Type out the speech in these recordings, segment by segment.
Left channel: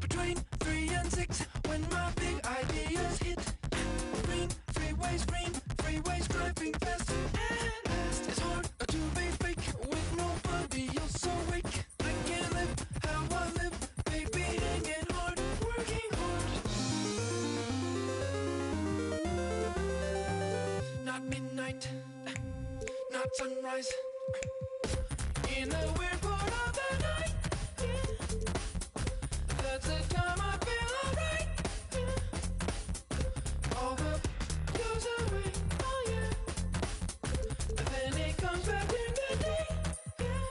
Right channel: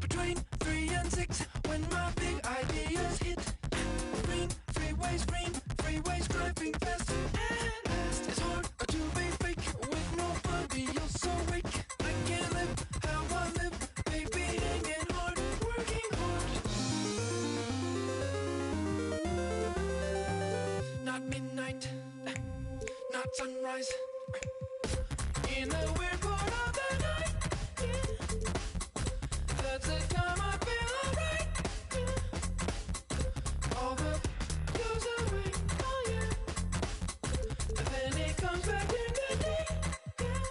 Between 3 and 6, when my big ideas hit. Green, freeways driving fast and fast. It's hard to be fake with nobody else awake. I can't live how I live, baby, hanging hard, working hard. Not midnight, not sunrise. In a weird part of the night, yeah. That's the time I feel alright, yeah. All the goes away, oh yeah. And then it comes back in the day, yeah.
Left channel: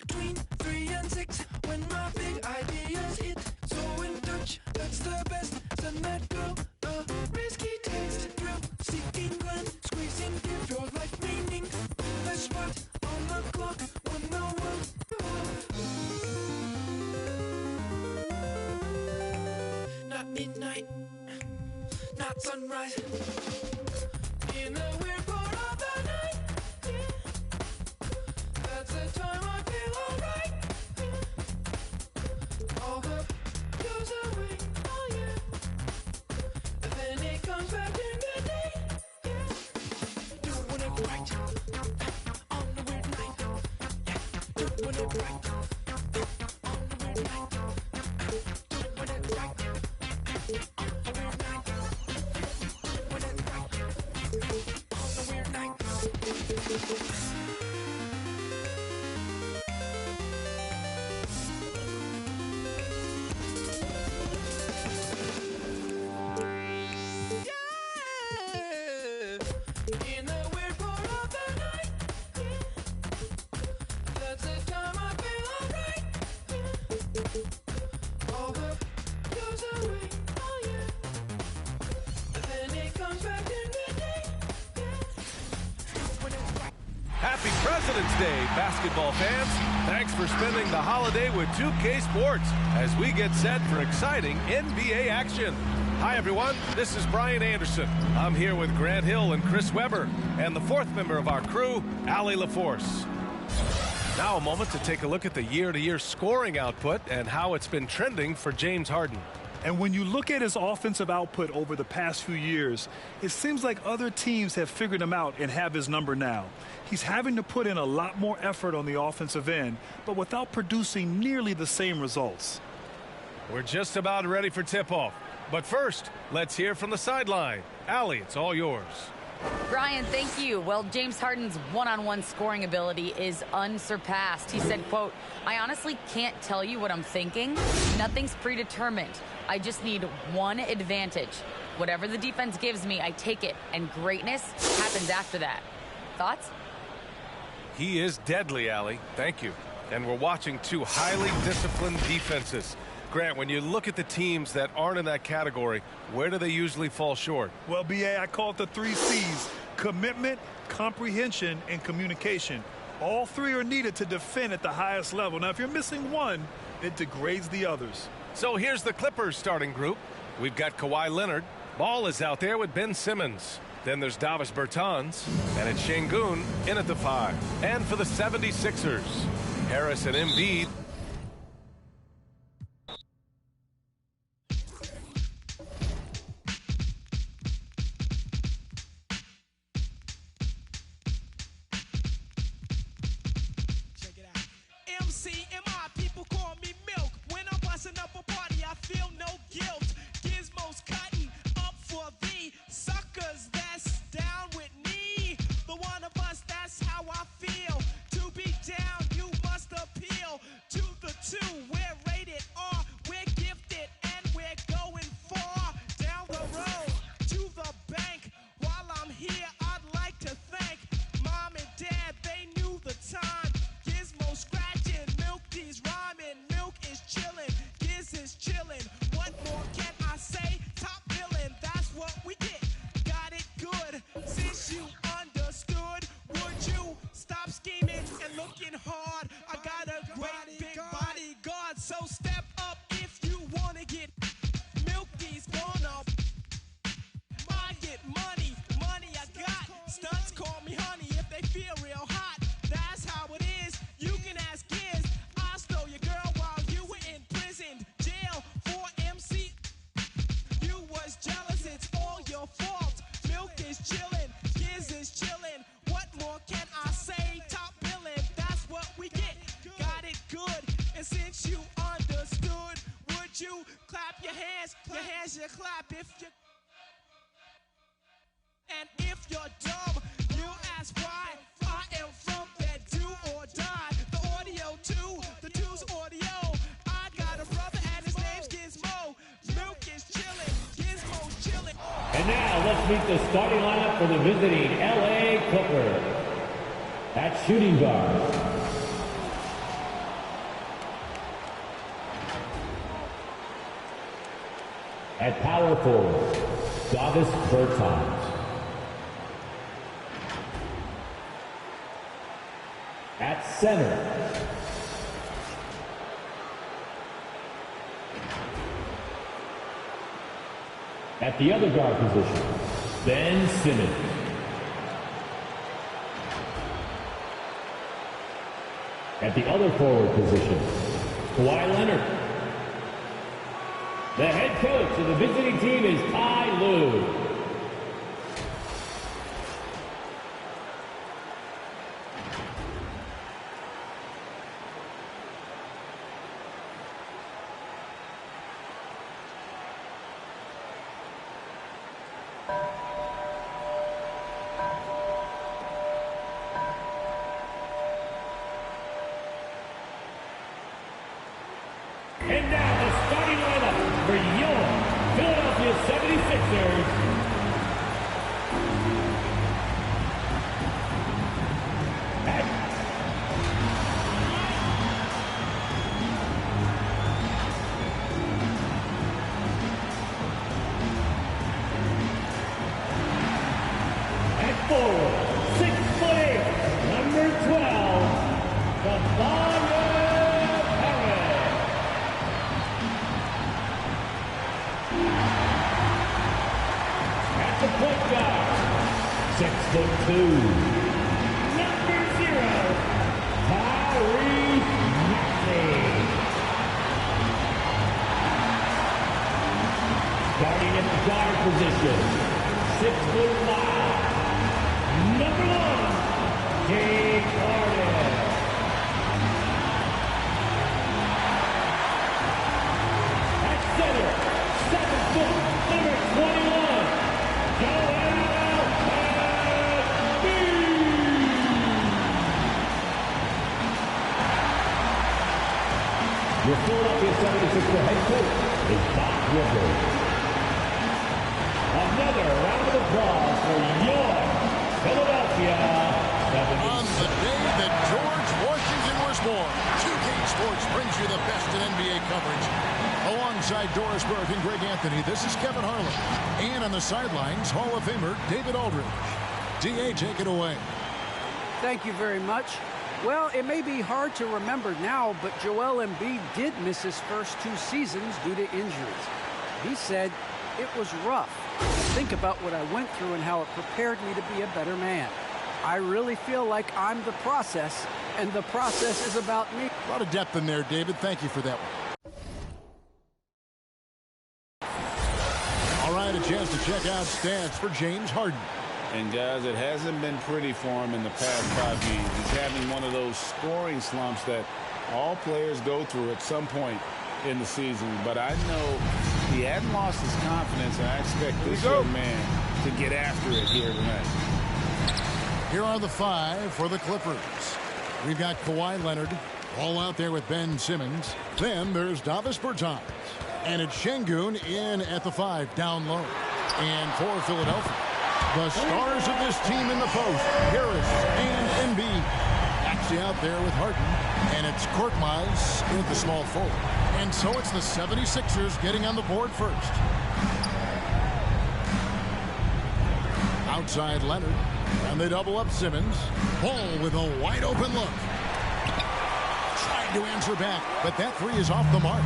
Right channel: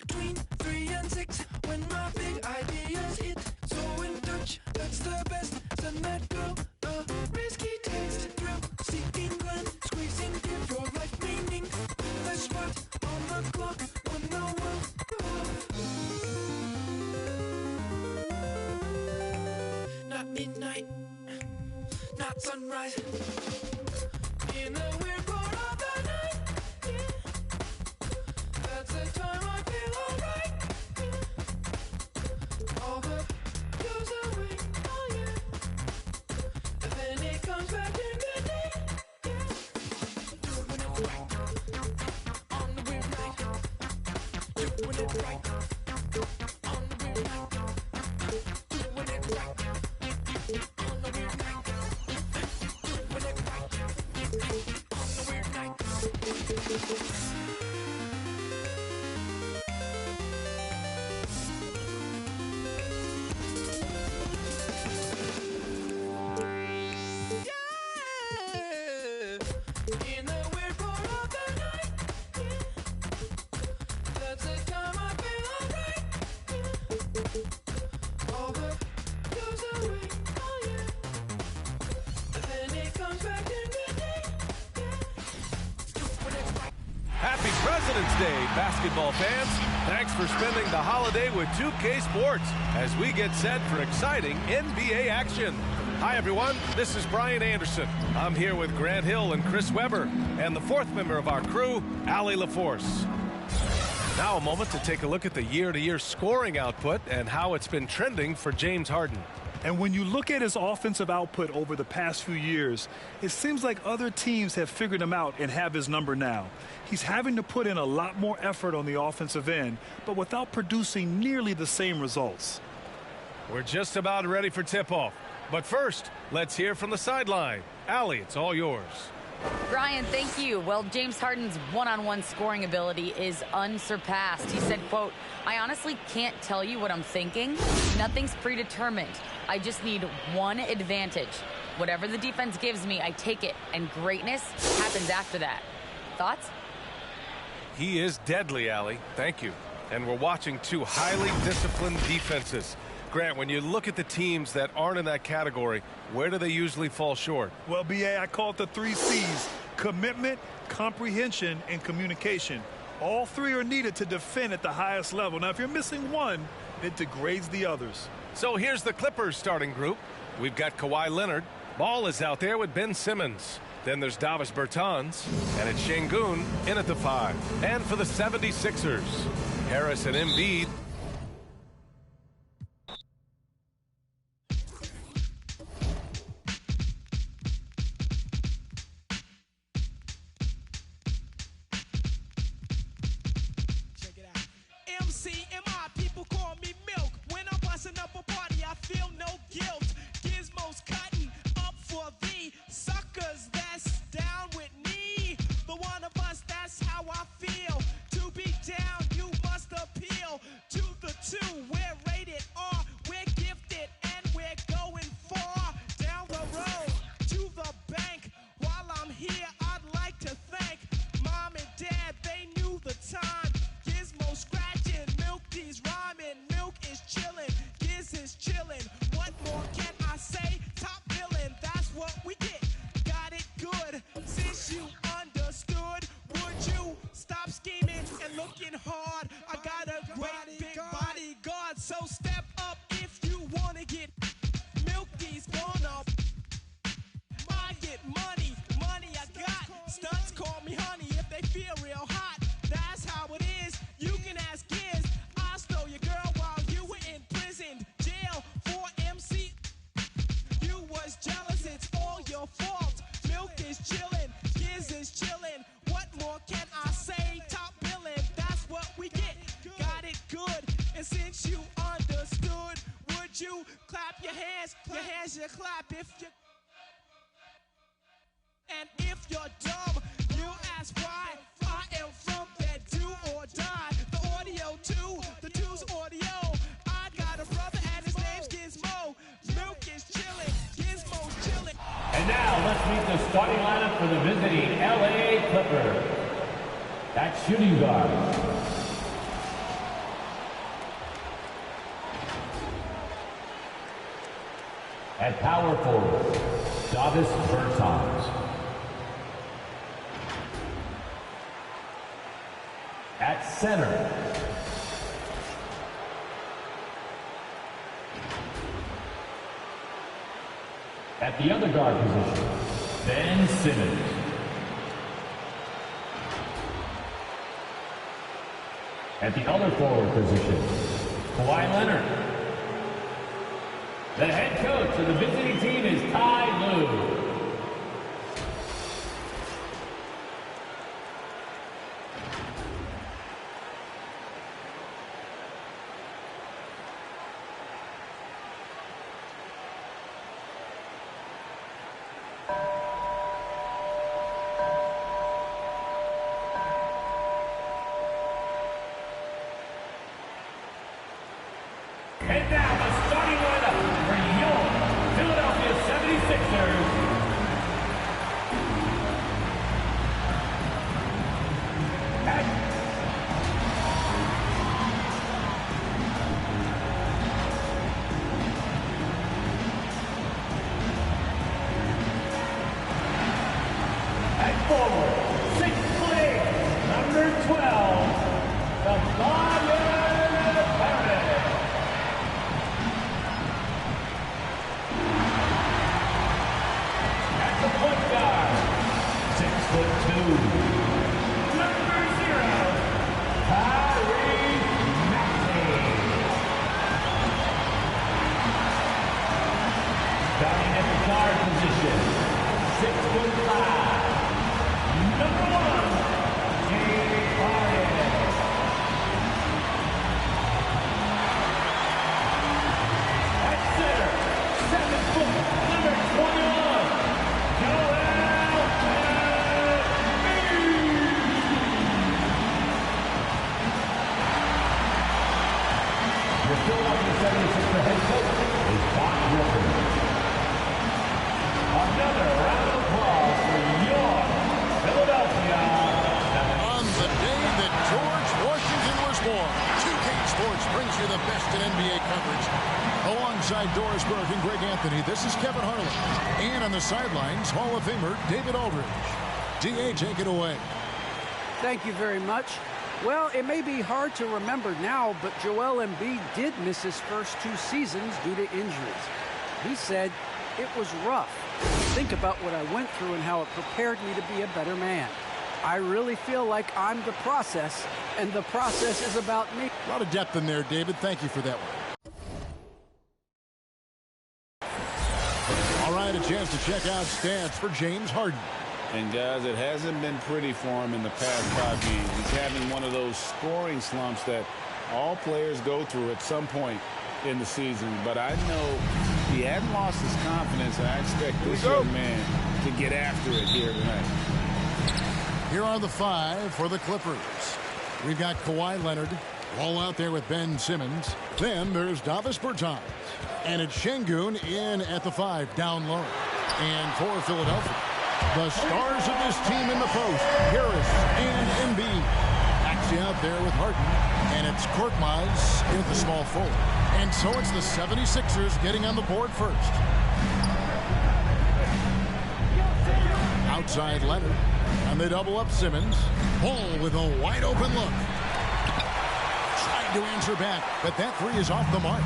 Between 3 and 6, when my big ideas hit. So in touch, that's the best. Send that girl a risky text. Thrill seeking glance, squeezing, give your life meaning. The spot on the clock when the world not midnight, not sunrise. In the weird part of the night, yeah. That's the time I feel alright, yeah. All the goes away, oh yeah. And then it comes back in the day, yeah. Doing it right, on the midnight. Doing it right, on the midnight. Doing it right, on the midnight. In the weird part of the night, yeah. That's the time I feel alright, yeah. All the goes away, oh yeah. And then it comes back in the day, yeah. Happy President's Day, basketball fans. Thanks for spending the holiday with 2K Sports as we get set for exciting NBA action. Hi, everyone. This is Brian Anderson. I'm here with Grant Hill and Chris Webber, and the fourth member of our crew, Allie LaForce. Now a moment to take a look at the year-to-year scoring output and how it's been trending for James Harden. And when you look at his offensive output over the past few years, it seems like other teams have figured him out and have his number now. He's having to put in a lot more effort on the offensive end, but without producing nearly the same results. We're just about ready for tip-off. But first, let's hear from the sideline. Allie, it's all yours. Brian, thank you. Well, James Harden's one-on-one scoring ability is unsurpassed. He said, quote, "I honestly can't tell you what I'm thinking. Nothing's predetermined. I just need one advantage. Whatever the defense gives me, I take it, and greatness happens after that." Thoughts? He is deadly, Allie. Thank you. And we're watching two highly disciplined defenses. Grant, when you look at the teams that aren't in that category, where do they usually fall short? Well, BA, I call it the 3 C's: commitment, comprehension, and communication. All 3 are needed to defend at the highest level. Now, if you're missing one, it degrades the others. So here's the Clippers starting group. We've got Kawhi Leonard. Ball is out there with Ben Simmons. Then there's Davis Bertans, and it's Şengün in at the 5. And for the 76ers, Harris and Embiid. Up a party, I feel no guilt. Gizmos cutting up for the suckers that's down with me. The one of us, that's how I feel. To be down, you must appeal to Since you understood, would you clap your hands? Your hands you clap if you. And if you're dumb, you ask why. I am from that do or die. The audio too, the two's audio. I got a brother and his name's Gizmo. Milk is chilling, Gizmo's chilling. And now let's meet the starting lineup for the visiting LA Clippers. At shooting guard, at power forward, Davis Bertans. At center, at the other guard position, Ben Simmons. At the other forward position, Kawhi Leonard. The head coach of the visiting team is Ty Lue. And now the starting lineup for your Philadelphia 76ers. At forward, 6'8", number 12, the point guard, 6'2", number 0, Tyrese Maxey. Starting at the guard position, 6'5", number 1, James Harden. At center, 7 foot, number 21. Your Philadelphia 76er head coach is Doc Rivers. Another round of applause for your Philadelphia 76ers. On the day that George Washington was born, 2K Sports brings you the best in NBA coverage. Alongside Doris Burke and Greg Anthony, this is Kevin Harlan. And on the sidelines, Hall of Famer David Aldridge. D.A., take it away. Thank you very much. Well, it may be hard to remember now, but Joel Embiid did miss his first 2 seasons due to injuries. He said, "It was rough. Think about what I went through and how it prepared me to be a better man. I really feel like I'm the process, and the process is about me." A lot of depth in there, David. Thank you for that one. All right, a chance to check out stats for James Harden. And guys, it hasn't been pretty for him in the past 5 games. He's having one of those scoring slumps that all players go through at some point in the season. But I know he hadn't lost his confidence, and I expect this young man to get after it here tonight. Here are the 5 for the Clippers. We've got Kawhi Leonard all out there with Ben Simmons. Then there's Davis Bertans. And it's Şengün in at the 5 down low. And for Philadelphia, the stars of this team in the post, Harris and Embiid. Maxey out there with Harden. And it's Korkmaz in at the small forward. And so it's the 76ers getting on the board first. Outside Leonard. And they double up Simmons. Ball with a wide open look. Tried to answer back, but that 3 is off the mark.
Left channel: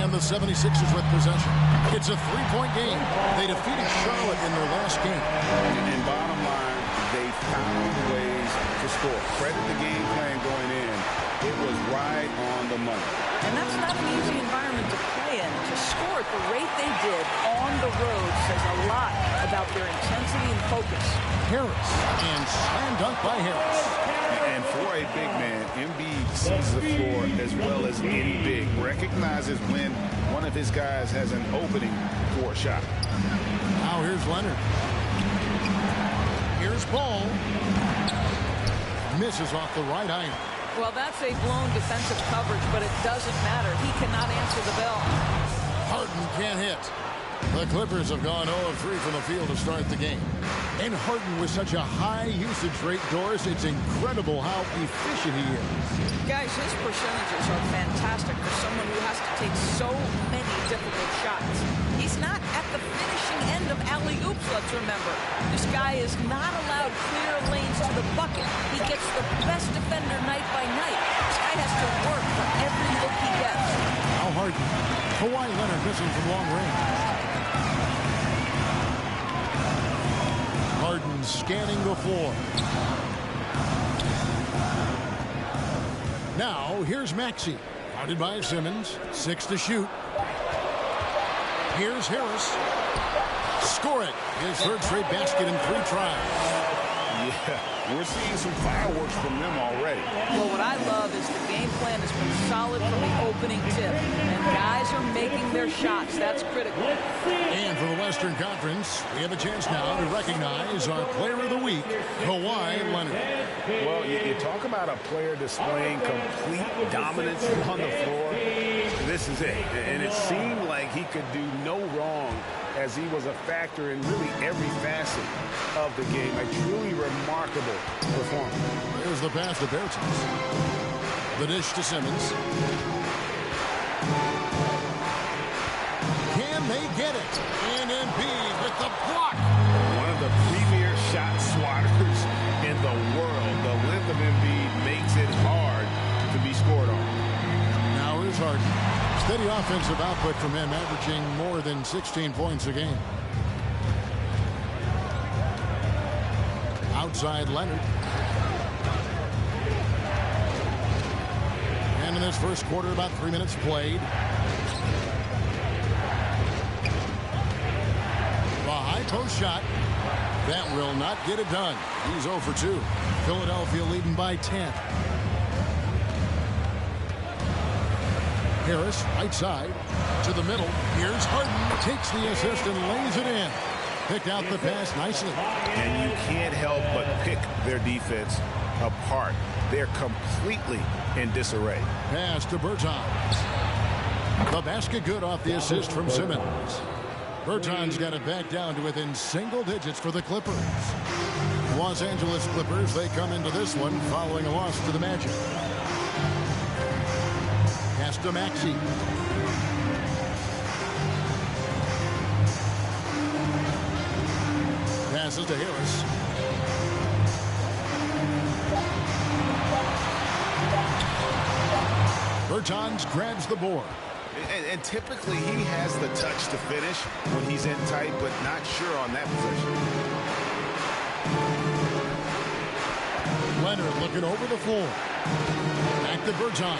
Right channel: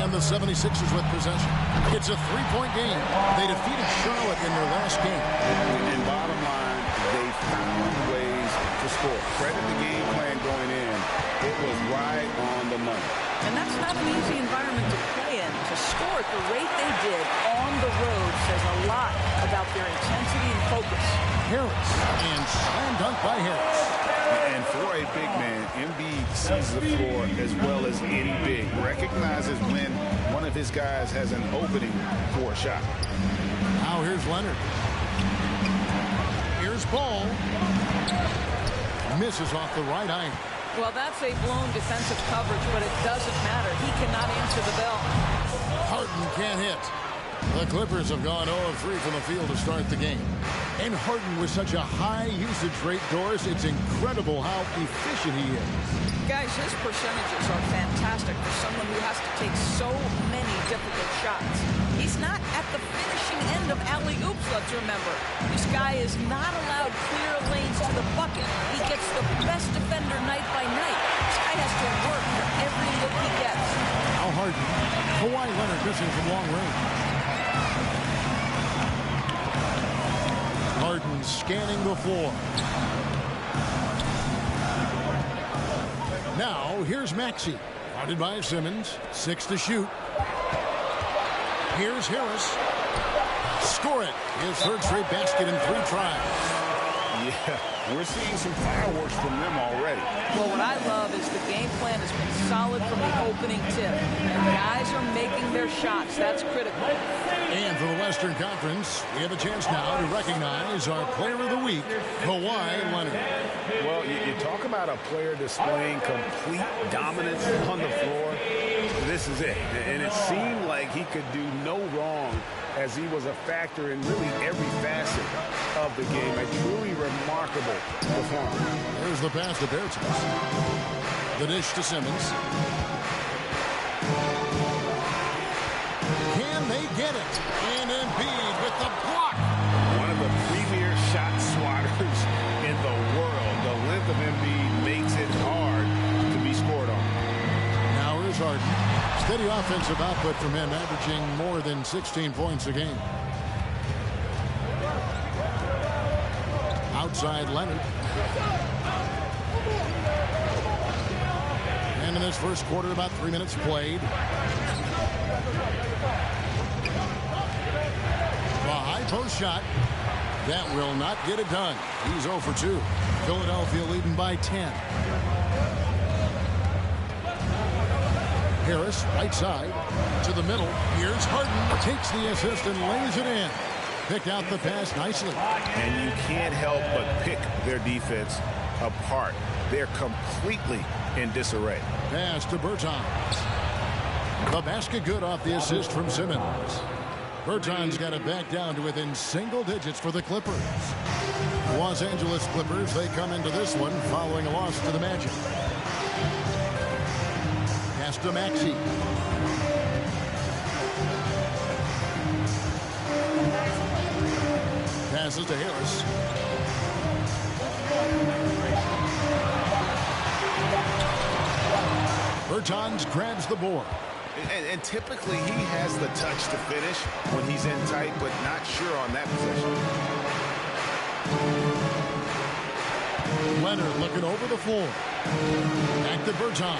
And the 76ers with possession. It's a 3-point game. They defeated Charlotte in their last game. And bottom line, they found ways to score. Credit the game plan going in. It was right on the money. And that's not an easy environment to play in. To score at the rate they did on the road says a lot about their intensity and focus. Harris, and slam dunk by Harris. And for a big man, Embiid sees the floor as well as any big. Recognizes when one of his guys has an opening for a shot. Now here's Leonard. Here's Ball. Misses off the right iron. Well, that's a blown defensive coverage, but it doesn't matter. He cannot answer the bell. Harden can't hit. The Clippers have gone 0 of 3 from the field to start the game. And Harden with such a high usage rate, Doris, it's incredible how efficient he is. Guys, his percentages are fantastic for someone who has to take so many difficult shots. He's not at the finishing end of alley-oops, let's remember. This guy is not allowed clear lanes to the bucket. He gets the best defender night by night. This guy has to work for every look he gets. Now Harden. Kawhi Leonard missing from long range. Harden scanning the floor. Now here's Maxey. Guarded by Simmons. 6 to shoot. Here's Harris. Score it. His third straight basket in 3 tries. Yeah, we're seeing some fireworks from them already. Well, what I love is the game plan has been solid from the opening tip. And guys are making their shots. That's critical. And for the Western Conference, we have a chance now to recognize our Player of the Week, Kawhi Leonard. Well, you talk about a player displaying complete dominance on the floor. This is it. And it seemed like he could do no wrong as he was a factor in really every facet of the game. A truly remarkable performance. There's the pass to Bertans. The dish to Simmons. Can they get it? And Embiid with the block. One of the premier shot swatters in the world. The length of Embiid makes it hard to be scored on. Now here's Harden. Steady offensive output from him, averaging more than 16 points a game. Outside Leonard. And in this first quarter, about 3 minutes played. A high post shot. That will not get it done. He's 0 for 2. Philadelphia leading by 10. Harris, right side, to the middle. Here's Harden, takes the assist and lays it in. Picked out the pass nicely. And you can't help but pick their defense apart. They're completely in disarray. Pass to Bertans. The basket good off the assist from Simmons. Bertans got it back down to within single digits for the Clippers. Los Angeles Clippers, they come into this one following a loss to the Magic. Pass to Maxey. Passes to Harris. Bertans grabs the board. And typically he has the touch to finish when he's in tight, but not sure on that possession. Leonard looking over the floor. Back to Bertans.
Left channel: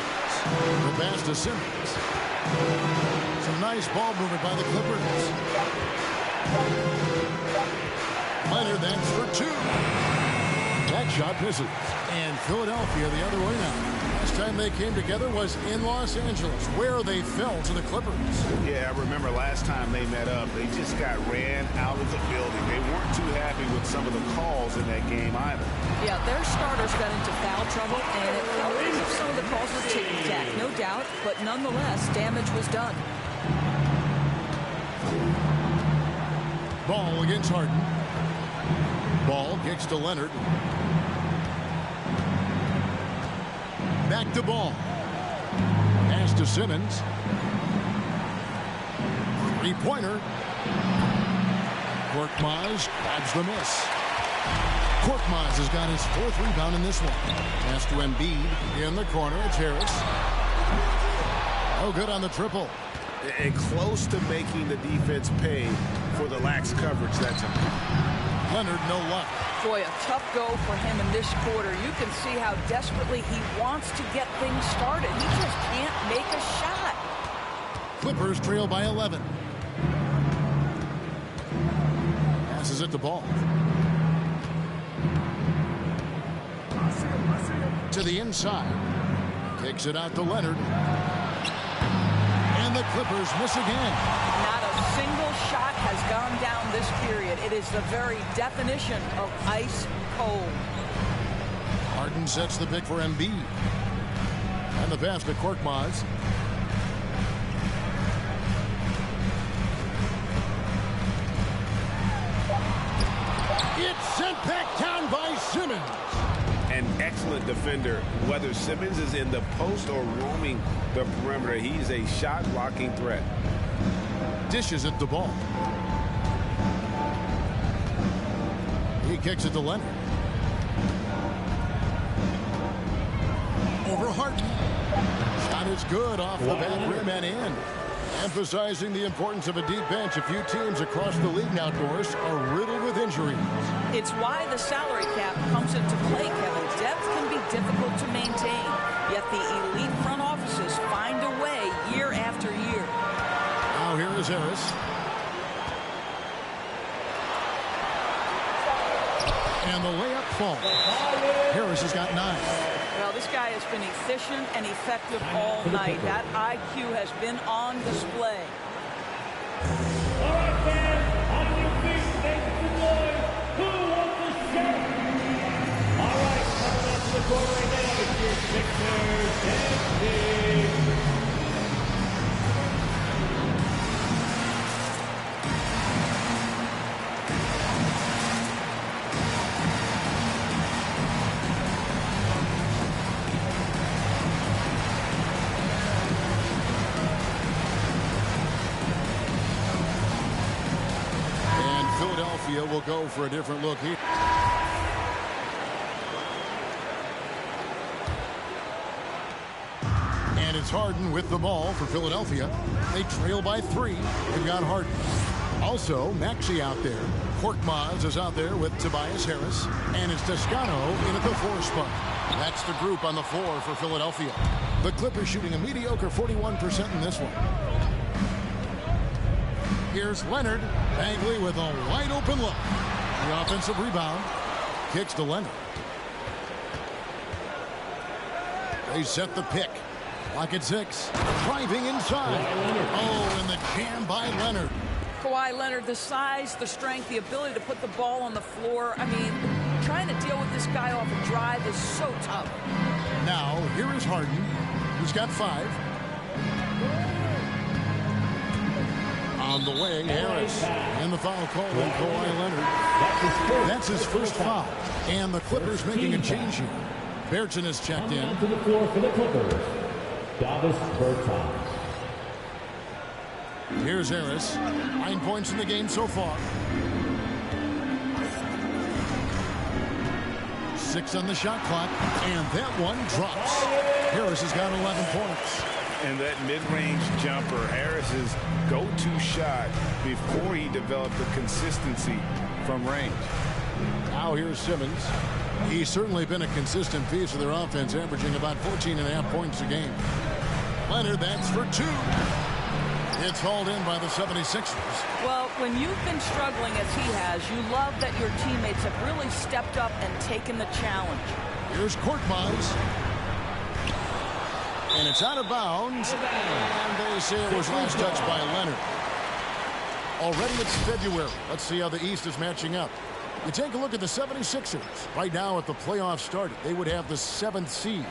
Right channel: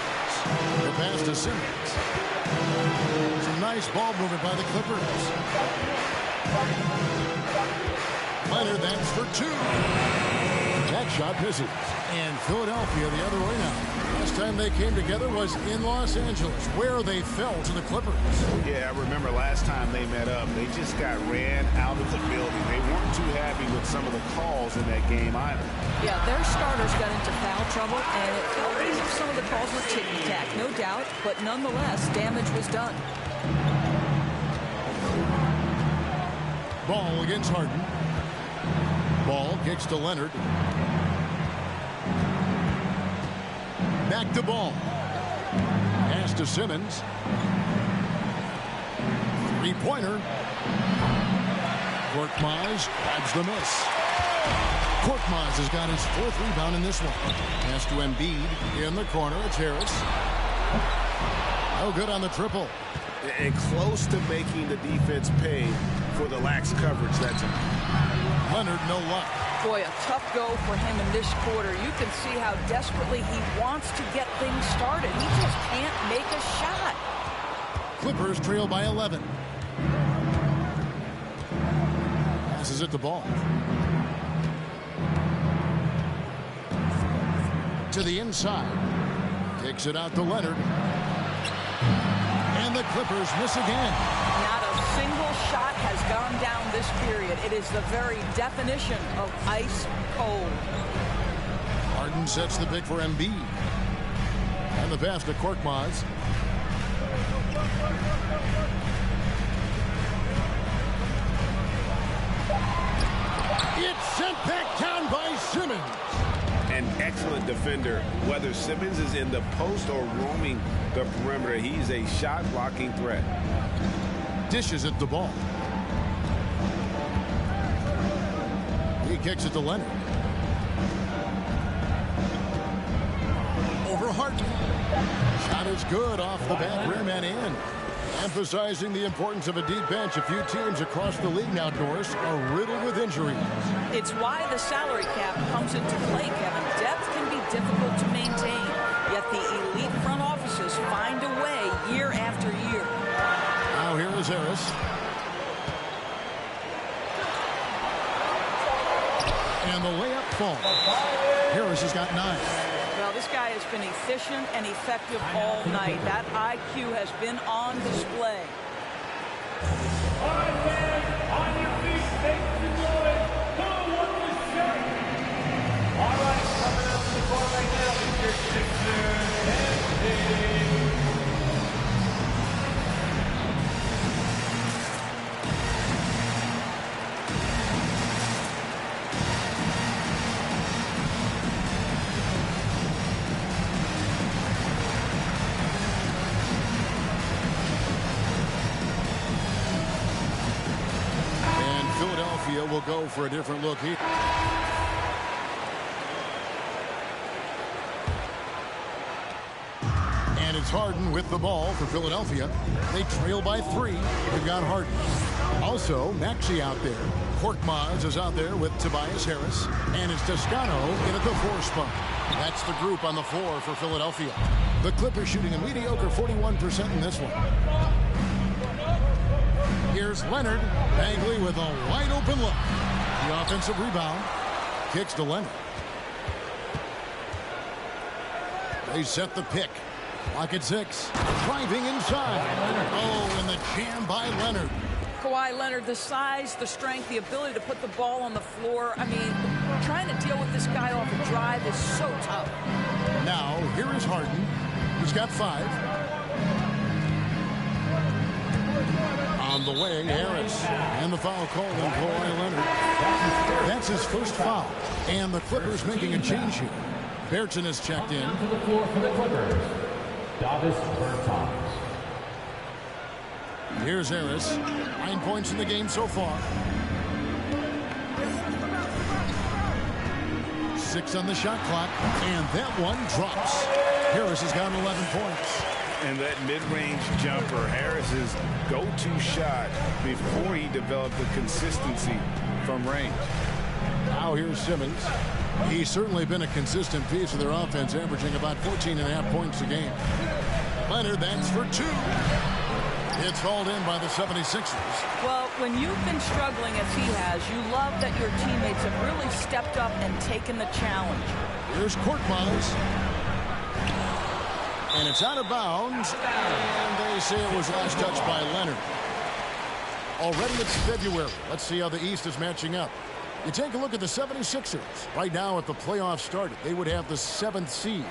The pass to Simmons. Some nice ball movement by the Clippers. Leonard, that's for 2. That shot misses. And Philadelphia the other way now. Last time they came together was in Los Angeles, where they fell to the Clippers. Yeah, I remember last time they met up, they just got ran out of the building. They weren't too happy with some of the calls in that game either. Yeah, their starters got into foul trouble, and it felt as if some of the calls were tick-tack, no doubt, but nonetheless, damage was done. Ball against Harden. Ball kicks to Leonard. Back to Ball. Pass to Simmons. Three-pointer. Korkmaz grabs the miss. Korkmaz has got his 4th rebound in this one. Pass to Embiid. In the corner, it's Harris. No good on the triple. And close to making the defense pay for the lax coverage that time. Leonard, no luck. Boy, a tough go for him in this quarter. You can see how desperately he wants to get things started. He just can't make a shot. Clippers trail by 11. Passes it to Ball. To the inside. Kicks it out to Leonard. And the Clippers miss again. Not a single shot has gone down this period. It is the very definition of ice cold. Harden sets the pick for Embiid. And the pass to Korkmaz. It's sent back down by Simmons. An excellent defender, whether Simmons is in the post or roaming the perimeter. He's a shot-blocking threat. Dishes it the Ball. He kicks it to Leonard. Over Harden. Shot is good off the back rim and in. Emphasizing the importance of a deep bench. A few teams across the league now, Doris, are riddled with injuries. It's why the salary cap comes into play, Kevin. Depth can be difficult to maintain, yet the elite front offices find a way year after year. Now here is Harris. And the layup falls. Harris has got 9. Well, this guy has been efficient and effective all night. That IQ has been on display. All right, fans, on your feet, make some noise. Who wants the shirt? All right, coming up to the court right now is your Sixers and Philadelphia will go for a different look here. And it's Harden with the ball for Philadelphia. They trail by 3. They've got Harden. Also, Maxey out there. Korkmaz is out there with Tobias Harris. And it's Toscano in at the 4 spot. That's the group on the floor for Philadelphia. The Clippers shooting a mediocre 41% in this one. Here's Leonard. Bagley with a wide open look. The offensive rebound. Kicks to Leonard. They set the pick. Clock at 6. Driving inside. Oh, and the jam by Leonard. Kawhi Leonard, the size, the strength, the ability to put the ball on the floor. I mean, trying to deal with this guy off a drive is so tough. Now, here is Harden. He's got 5. On the way, Harris. And the foul call on Kawhi Leonard. That's his first foul. And the Clippers making a change here. Bertson is checked in. to the floor for the Clippers, Davis Bertans. Here's Harris. 9 points in the game so far. 6 on the shot clock. And that one drops. Harris has got 11 points. And that mid-range jumper, Harris's go-to shot before he developed the consistency from range. Now here's Simmons. He's certainly been a consistent piece of their offense, averaging about 14.5 points a game. Leonard, that's for 2. It's hauled in by the 76ers. Well, when you've been struggling as he has, you love that your teammates have really stepped up and taken the challenge. Here's Korkmaz. And it's out of bounds. And they say it was last touched by Leonard. Already it's February. Let's see how the East is matching up. You take a look at the 76ers. Right now, if the playoffs started, they would have the 7th seed.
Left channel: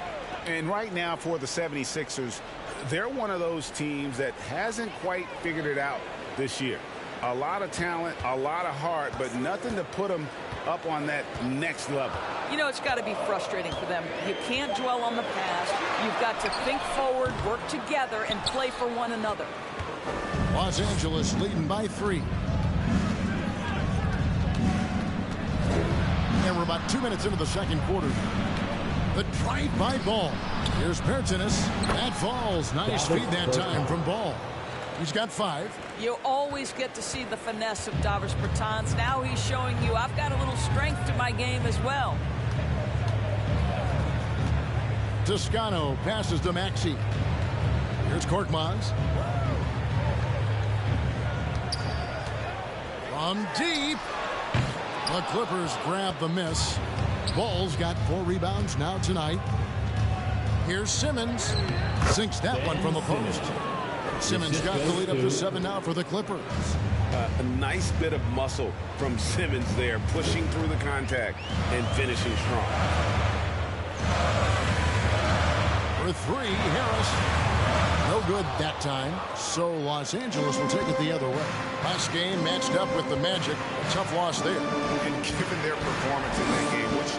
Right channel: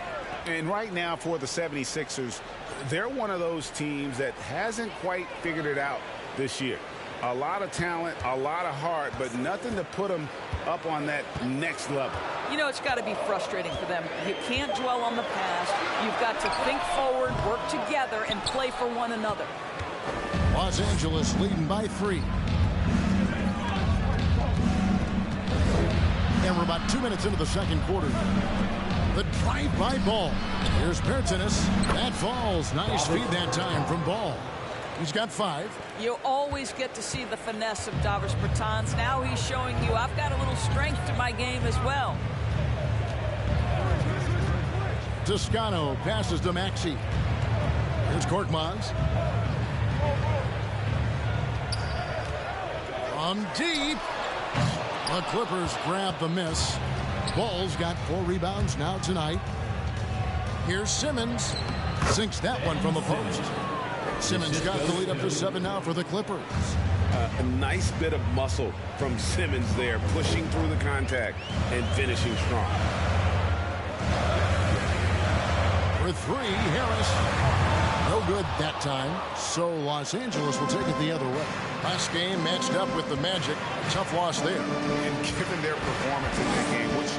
And right now for the 76ers, they're one of those teams that hasn't quite figured it out this year. A lot of talent, a lot of heart, but nothing to put them up on that next level. You know, it's got to be frustrating for them. You can't dwell on the past. You've got to think forward, work together, and play for one another. Los Angeles leading by 3. And we're about 2 minutes into the second quarter. The drive by Ball. Here's Bertans. That falls. Nice feed that time from Ball. He's got 5. You always get to see the finesse of Davis Bertans. Now he's showing you I've got a little strength to my game as well. Toscano passes to Maxey. Here's Korkmaz. From deep. The Clippers grab the miss. Ball's got 4 rebounds now tonight. Here's Simmons. Sinks that one from the post. Simmons got the lead up to 7 now for the Clippers. A nice bit of muscle from Simmons there, pushing through the contact and finishing strong. For 3, Harris. No good that time, so Los Angeles will take it the other way. Last game matched up with the Magic. A tough loss there. And given their performance in that game, which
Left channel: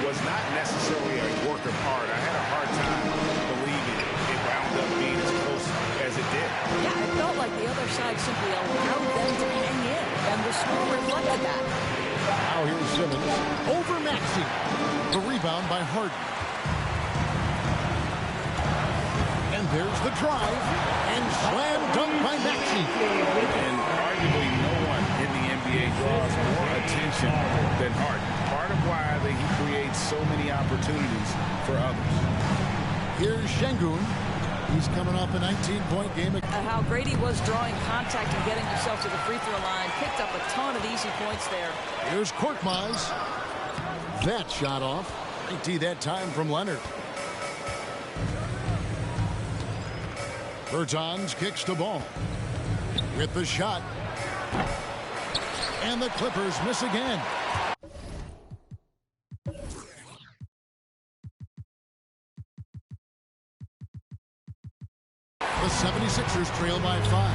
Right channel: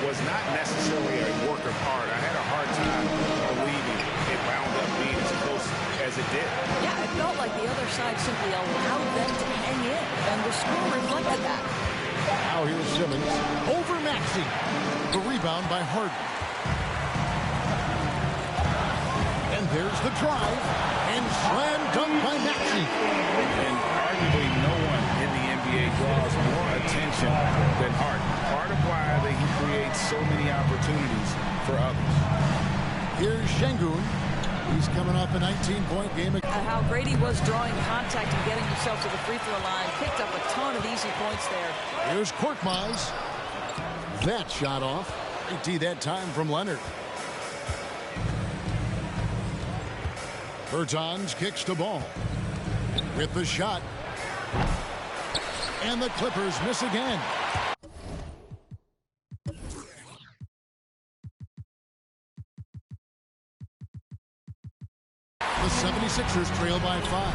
was not necessarily a work of art, I had a hard time believing it wound up being as close as it did. Yeah, it felt like the other side simply allowed them to hang in, and the score reflected that. Now here's Simmons over Maxey. The rebound by Harden. And there's the drive, and slam dunk by Maxey. And arguably no one in the NBA draws more attention than Harden. Part of why he creates so many opportunities for others. Here's Şengün. He's coming off a 19-point game. How great he was drawing contact and getting himself to the free throw line. Picked up a ton of easy points there. Here's Korkmaz. That shot off. Great D that time from Leonard. Bertans kicks the ball with the shot, and the Clippers miss again. The 76ers trail by 5,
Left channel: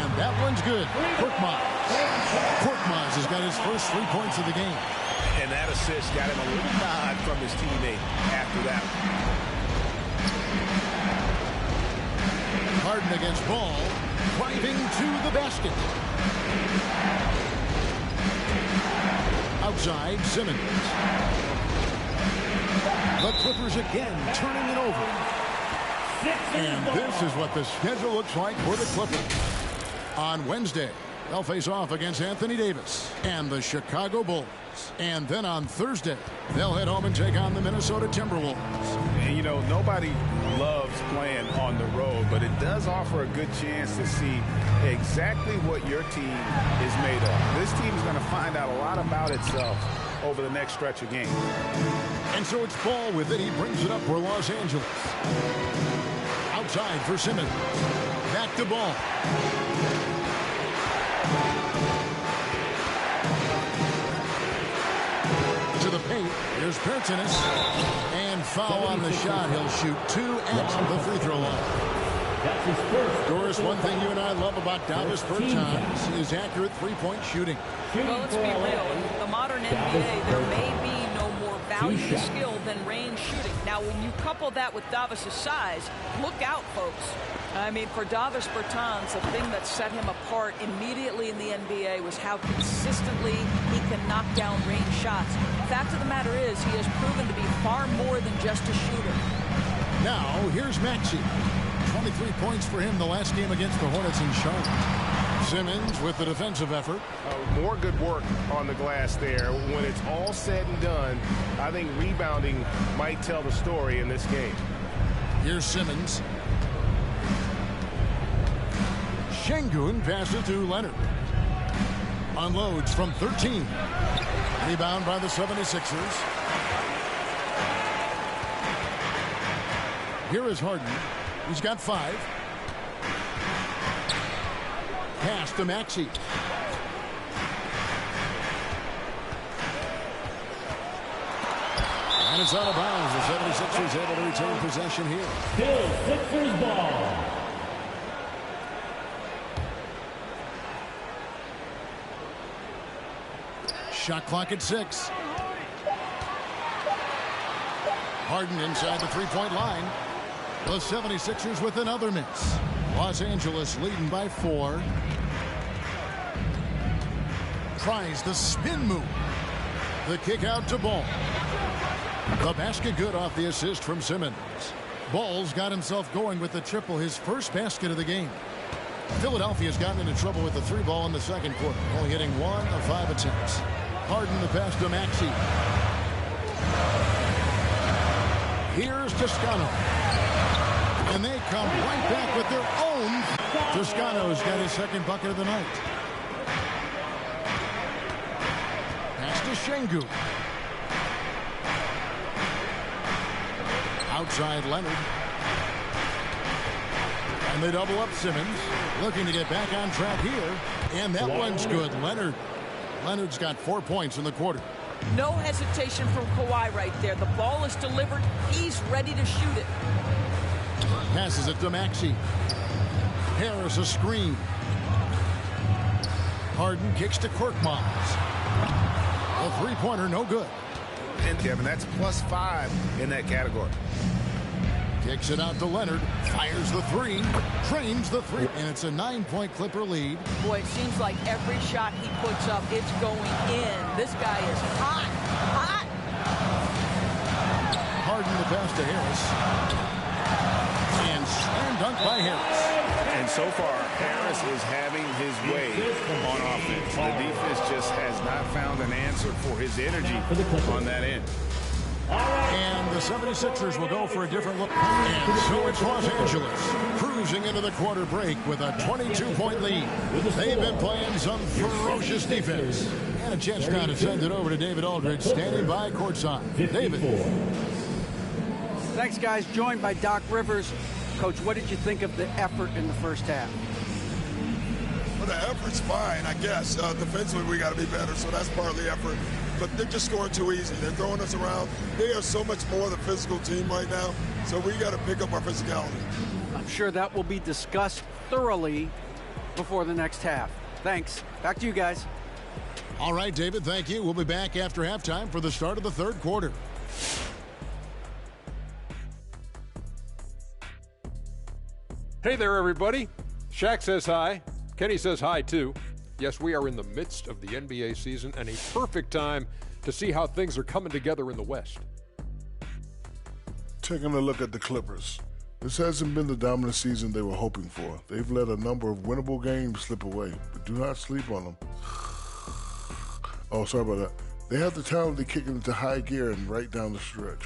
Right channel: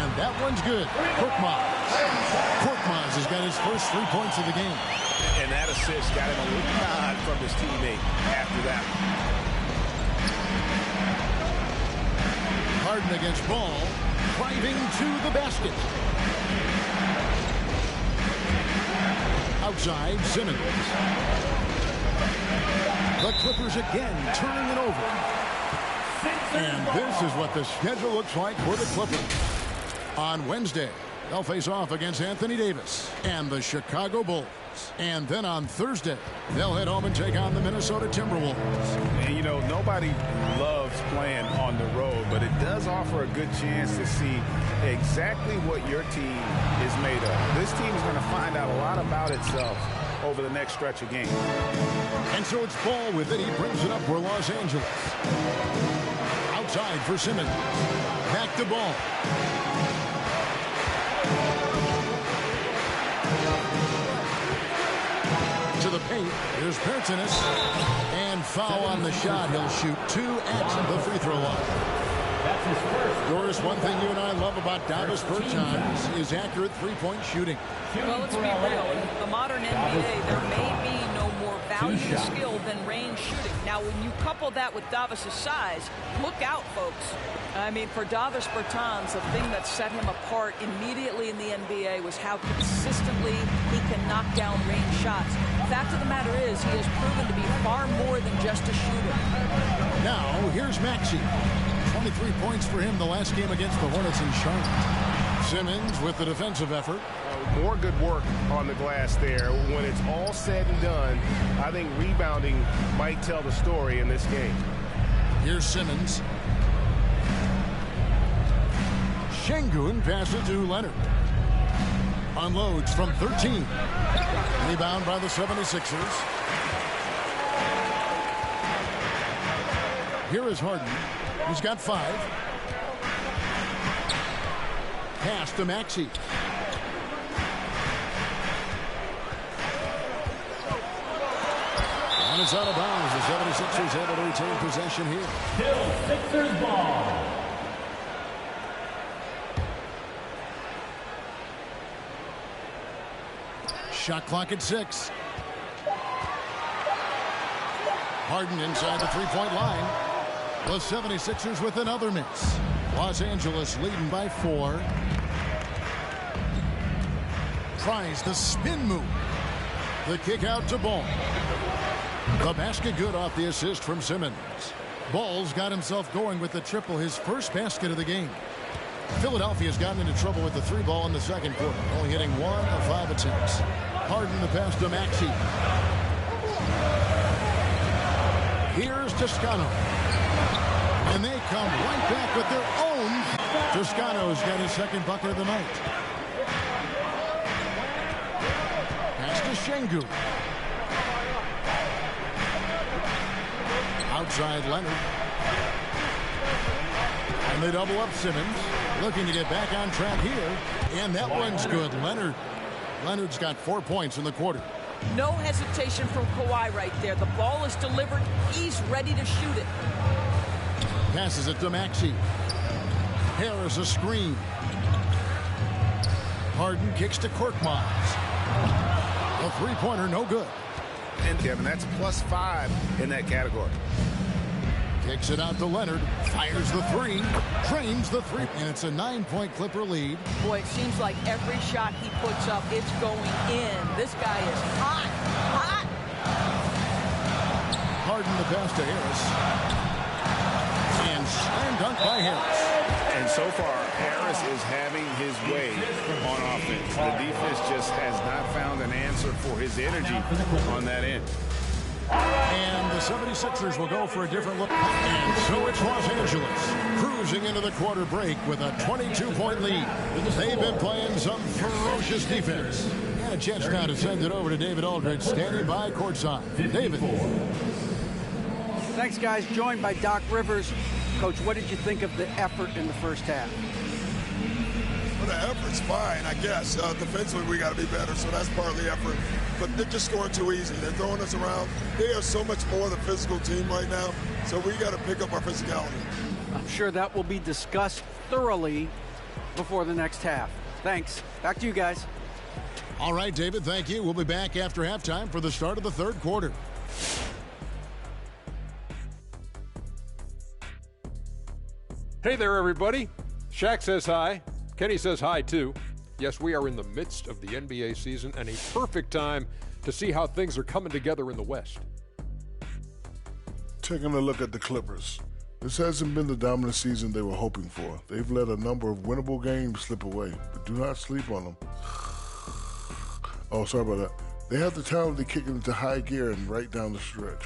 and that one's good. Korkmaz has got his first 3 points of the game, And that assist got him a little nod from his teammate after that one. Harden against Ball, driving to the basket. Outside, Simmons. The Clippers again turning it over. And this is what the schedule looks like for the Clippers. On Wednesday, they'll face off against Anthony Davis and the Chicago Bulls. And then on Thursday, they'll head home and take on the Minnesota Timberwolves. And, you know, nobody loves playing on the road, but it does offer a good chance to see exactly what your team is made of. This team is going to find out a lot about itself over the next stretch of games. And so it's Ball with it. He brings it up for Los Angeles. Outside for Simmons. Back to Ball. To the paint. Here's Pertinis. And foul on the shot. He'll shoot 2 at the free throw line. That's his first. Doris, one thing you and I love about Davis Bertans is accurate three-point shooting. Well, let's be real. In the modern NBA, there may be no more value to skill than range shooting. Now, when you couple that with Davis's size, look out, folks. I mean, for Davis Bertans, the thing that set him apart immediately in the NBA was how consistently he can knock down range shots. Fact of the matter is, he has proven to be far more than just a shooter. Now, here's Maxey. 23 points for him the last game against the Hornets in Charlotte. Simmons with the defensive effort. More good work on the glass there. When it's all said and done, I think rebounding might tell the story in this game. Here's Simmons. Şengün passes to Leonard. Unloads from 13. Rebound by the 76ers. Here is Harden. He's got 5. Pass to Maxey. And it's out of bounds. The 76ers able to retain possession here. Still Sixers ball. Shot clock at 6. Harden inside the three-point line. The 76ers with another miss. Los Angeles leading by 4. Tries the spin move. The kick out to Ball. The basket good off the assist from Simmons. Ball's got himself going with the triple, his first basket of the game. Philadelphia's gotten into trouble with the 3 ball in the second quarter, only hitting 1 of 5 attempts. Harden the pass to Maxey. Here's Toscano. And they come right back with their own. Toscano's got his second bucket of the night. Pass to Şengün. Outside Leonard. And they double up Simmons. Looking to get back on track here. And that one's good. Leonard's got 4 points in the quarter. No hesitation from Kawhi right there. The ball is delivered. He's ready to shoot it. Passes it to Maxey. Harris a screen. Harden kicks to Korkmaz. A three-pointer, no good. And Kevin, that's +5 in that category. Kicks it out to Leonard. Fires the 3. Drains the 3. And it's a 9-point Clipper lead. Boy, it seems like every shot he puts up, it's going in. This guy is hot. Harden the pass to Harris. And slam dunk by Harris. And so far, Harris is having his way on offense. The defense just has not found an answer for his energy on that end. And the 76ers will go for a different look. And so it's Los Angeles cruising into the quarter break with a 22-point lead. They've been playing some ferocious defense. And a chance now to send it over to David Aldridge, standing by courtside. David. Thanks, guys. Joined by Doc Rivers. Coach, what did you think of the effort in the first half? Well, the effort's fine, I guess. Defensively, we got to be better, so that's part of the effort. But they're just scoring too easy. They're throwing us around. They are so much more the physical team right now, so we got to pick up our physicality. I'm sure that will be discussed thoroughly before the next half. Thanks. Back to you guys. All right, David, thank you. We'll be back after halftime for the start of the third quarter. Hey there, everybody. Shaq says hi. Kenny says hi, too. Yes, we are in the midst of the NBA season and a perfect time to see how things are coming together in the West. Taking a look at the Clippers. This hasn't been the dominant season they were hoping for. They've let a number of winnable games slip away, but do not sleep on them. Oh, sorry about that. They have the talent to kick it into high gear and right down the stretch.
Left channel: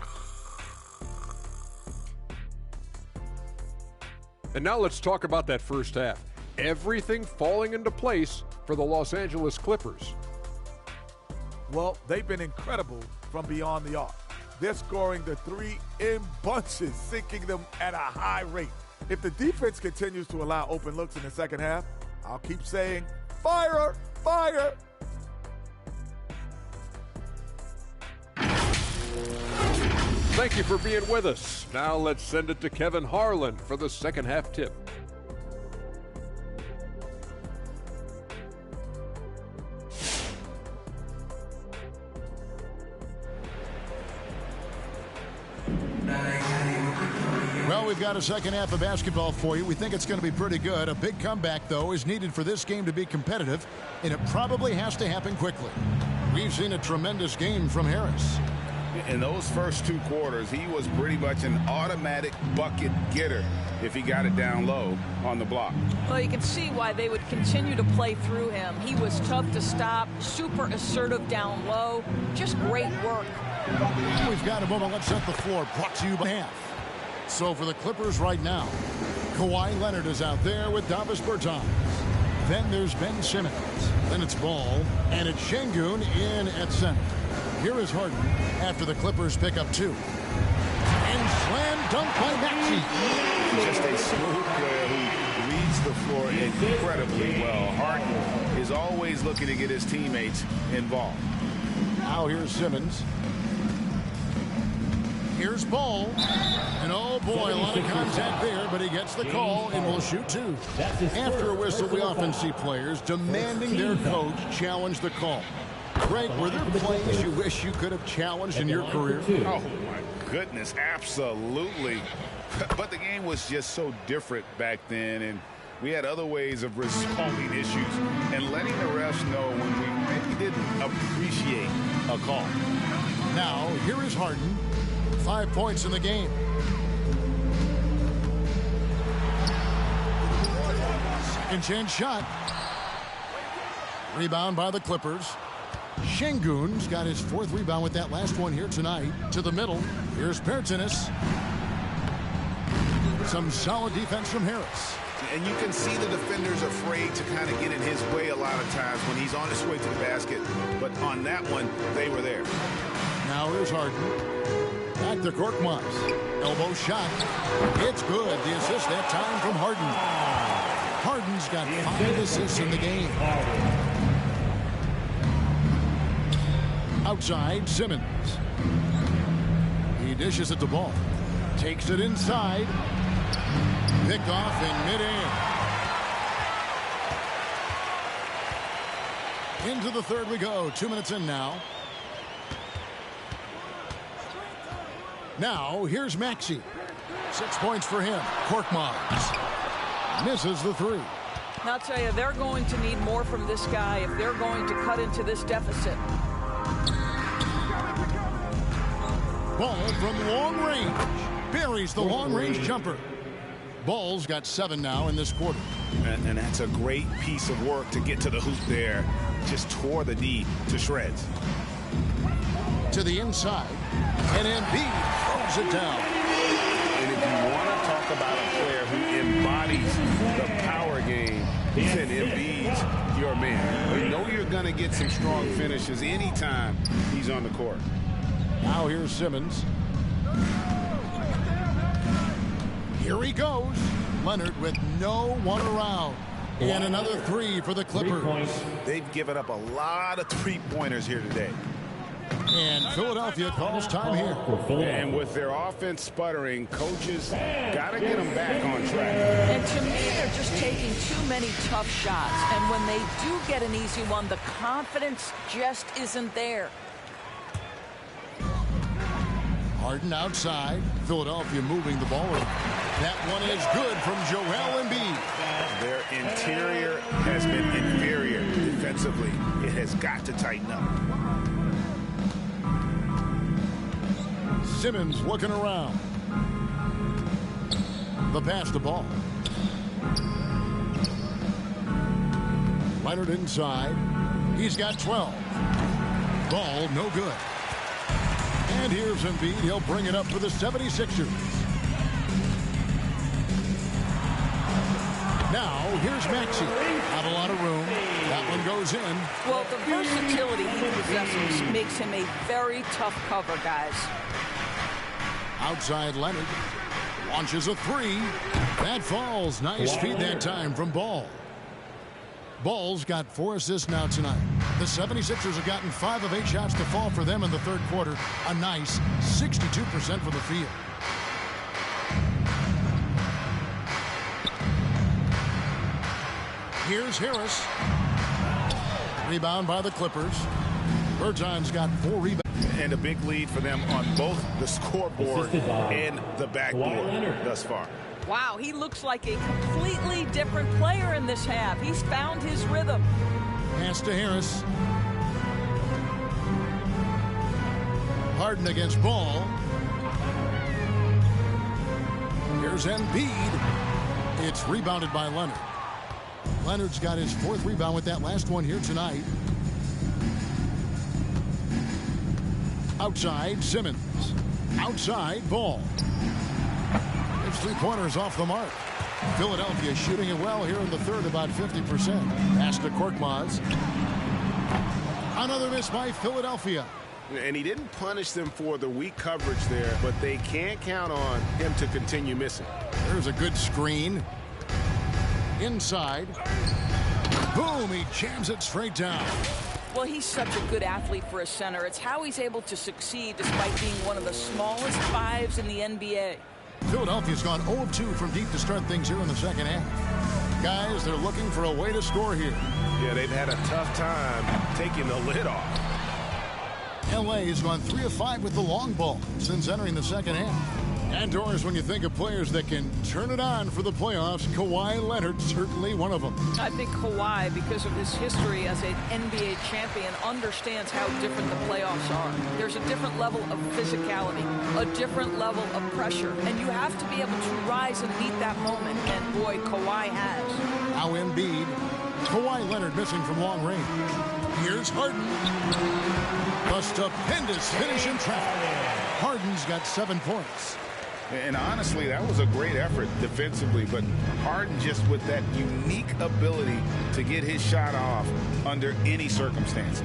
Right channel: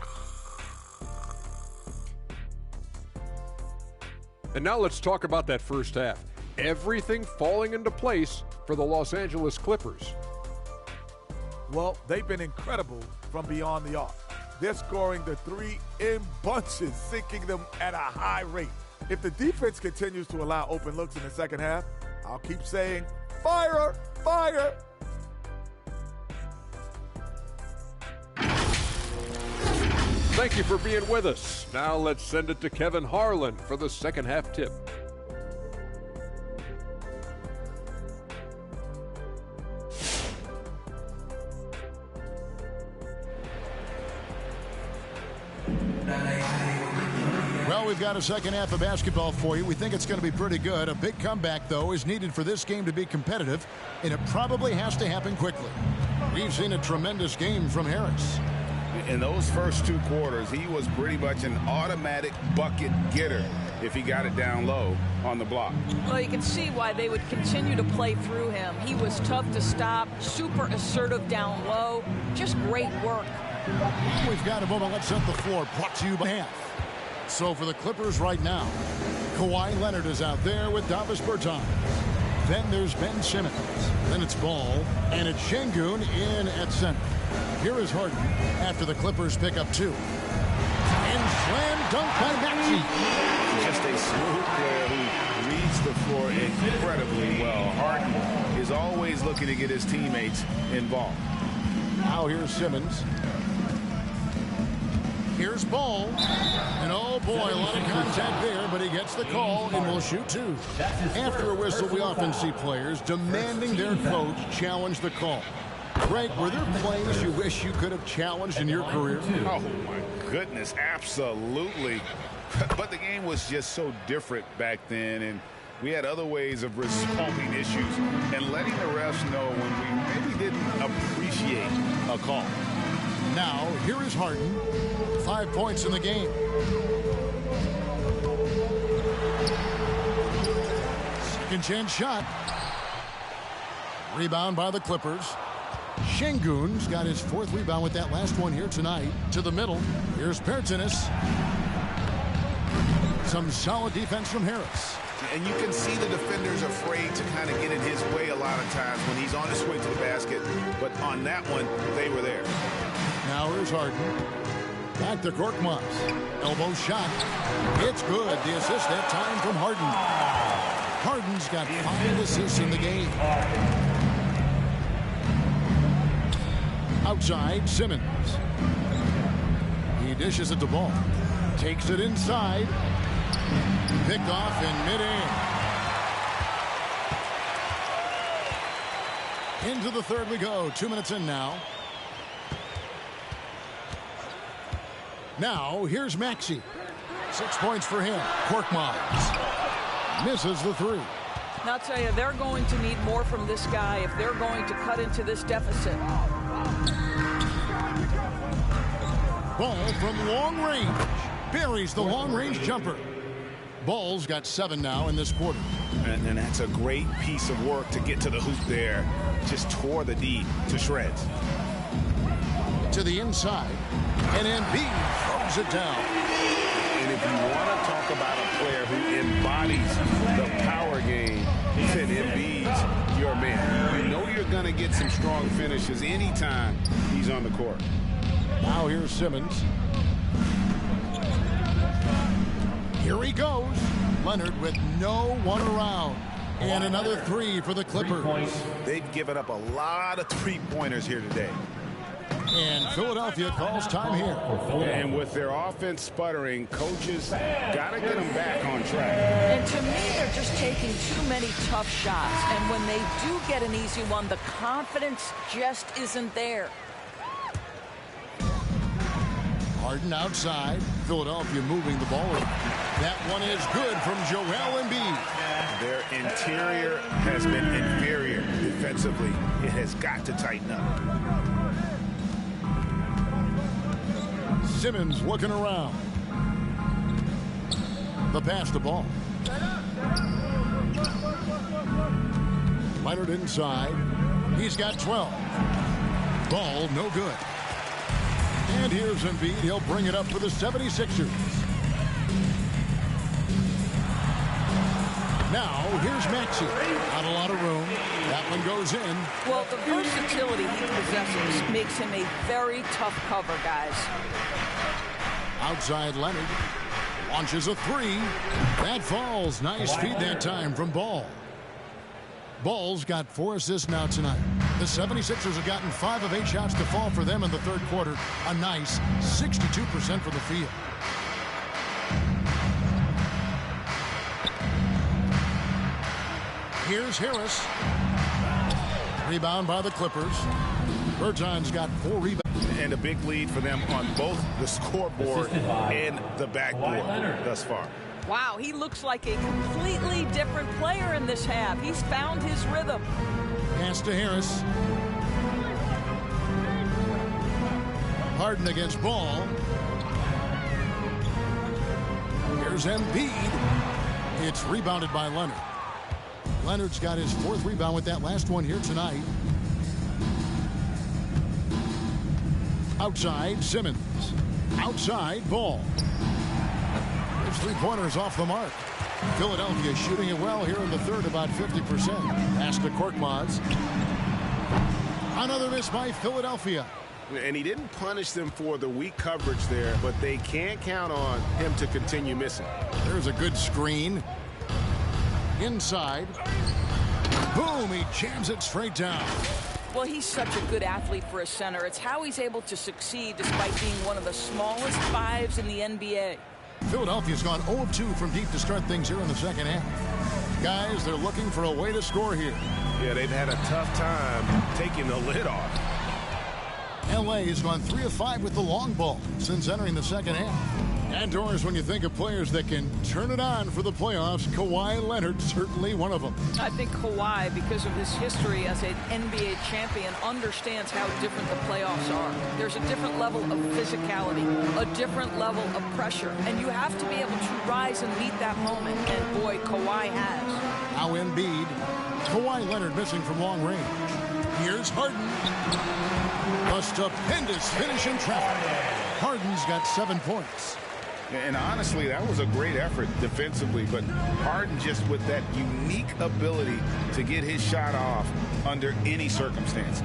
And now let's talk about that first half. Everything falling into place for the Los Angeles Clippers. Well, they've been incredible from beyond the arc. They're scoring the 3 in bunches, sinking them at a high rate. If the defense continues to allow open looks in the second half, I'll keep saying, fire, fire. Thank you for being with us. Now let's send it to Kevin Harlan for the second half tip. Well, we've got a second half of basketball for you. We think it's going to be pretty good. A big comeback, though, is needed for this game to be competitive, and it probably has to happen quickly. We've seen a tremendous game from Harris. In those first 2 quarters, he was pretty much an automatic bucket getter if he got it down low on the block. Well, you can see why they would continue to play through him. He was tough to stop, super assertive down low. Just great work. We've got a moment. Let's set the floor. Brought to you by half. So for the Clippers right now, Kawhi Leonard is out there with Davis Bertans. Then there's Ben Simmons. Then it's Ball. And it's Şengün in at center. Here is Harden after the Clippers pick up 2. And slam dunk by Maxey. Just a smooth player who reads the floor incredibly well. Harden is always looking to get his teammates involved. Now here's Simmons. Here's Ball. And oh boy, a lot of contact there, but he gets the call and will shoot 2. After a whistle, we often see players demanding their coach challenge the call. Greg, were there plays you wish you could have challenged in your career? Oh, my goodness, absolutely. But the game was just so different back then, and we had other ways of resolving issues and letting the refs know when we maybe didn't appreciate a call. Now, here is Harden. 5 points in the game. Second chance shot. Rebound by the Clippers. Şengün's got his 4th rebound with that last one here tonight. To the middle. Here's Pertinis. Some solid defense from Harris. And you can see the defenders afraid to kind of get in his way a lot of times when he's on his way to the basket. But on that one, they were there. Now here's Harden. Back to Korkmaz. Elbow shot. It's good. The assist that time from Harden. Harden's got 5 assists in the game. Outside, Simmons. He dishes it to Ball. Takes it inside. Picked off in midair. Into the third we go. 2 minutes in now. Now, here's Maxey. 6 points for him. Korkmaz misses the 3. Now, I'll tell you, they're going to need more from this guy if they're going to cut into this deficit. Ball from long range. Buries the long-range jumper. Ball's got 7 now in this quarter. And that's a great piece of work to get to the hoop there. Just tore the D to shreds. To the inside. And Embiid throws it down. And if you want to talk about a player who embodies the power game, then Embiid's your man. You know you're going to get some strong finishes anytime he's on the court. Now here's Simmons. Here he goes. Leonard with no one around. And another 3 for the Clippers. They've given up a lot of three-pointers here today. And Philadelphia calls time here. And with their offense sputtering, coaches got to get them back on track. And to me, they're just taking too many tough shots. And when they do get an easy one, the confidence just isn't there. Harden outside. Philadelphia moving the ball. That one is good from Joel Embiid. Their interior has been inferior defensively. It has got to tighten up. Simmons looking around. The pass to Ball. Leonard inside. He's got 12. Ball no good. And here's Embiid. He'll bring it up for the 76ers. Now, here's Maxey. Not a lot of room. That one goes in. Well, the versatility he possesses makes him a very tough cover, guys. Outside Leonard. Launches a 3. That falls. Nice feed that time from Ball. Ball's got 4 assists now tonight. The 76ers have gotten 5 of 8 shots to fall for them in the third quarter. A nice 62% from the field. Here's Harris. Rebound by the Clippers. Berton's got 4 rebounds. And a big lead for them on both the scoreboard and the backboard thus far. Wow, he looks like a completely different player in this half. He's found his rhythm. Pass to Harris. Harden against Ball. Here's Embiid. It's rebounded by Leonard. Leonard's got his 4th rebound with that last one here tonight. Outside, Simmons. Outside, Ball. His 3-pointers off the mark. Philadelphia shooting it well here in the third, about 50%. Pass to Korkmaz. Another miss by Philadelphia. And he didn't punish them for the weak coverage there, but they can't count on him to continue missing. There's a good screen. Inside. Boom, he jams it straight down. Well, he's such a good athlete for a center. It's how he's able to succeed despite being one of the smallest 5s in the NBA. Philadelphia's gone 0 of 2 from deep to start things here in the second half. Guys, they're looking for a way to score here. Yeah, they've had a tough time taking the lid off. LA has gone 3 of 5 with the long ball since entering the second half. And Doris, when you think of players that can turn it on for the playoffs, Kawhi Leonard certainly one of them. I think Kawhi, because of his history as an NBA champion, understands how different the playoffs are. There's a different level of physicality, a different level of pressure, and you have to be able to rise capitalize and meet that moment. And boy, Kawhi has. Now Embiid. Kawhi Leonard missing from long range. Here's Harden. A stupendous finish in traffic. Harden's got 7 points. And honestly, that was a great effort defensively, but Harden just with that unique ability to get his shot off under any circumstances.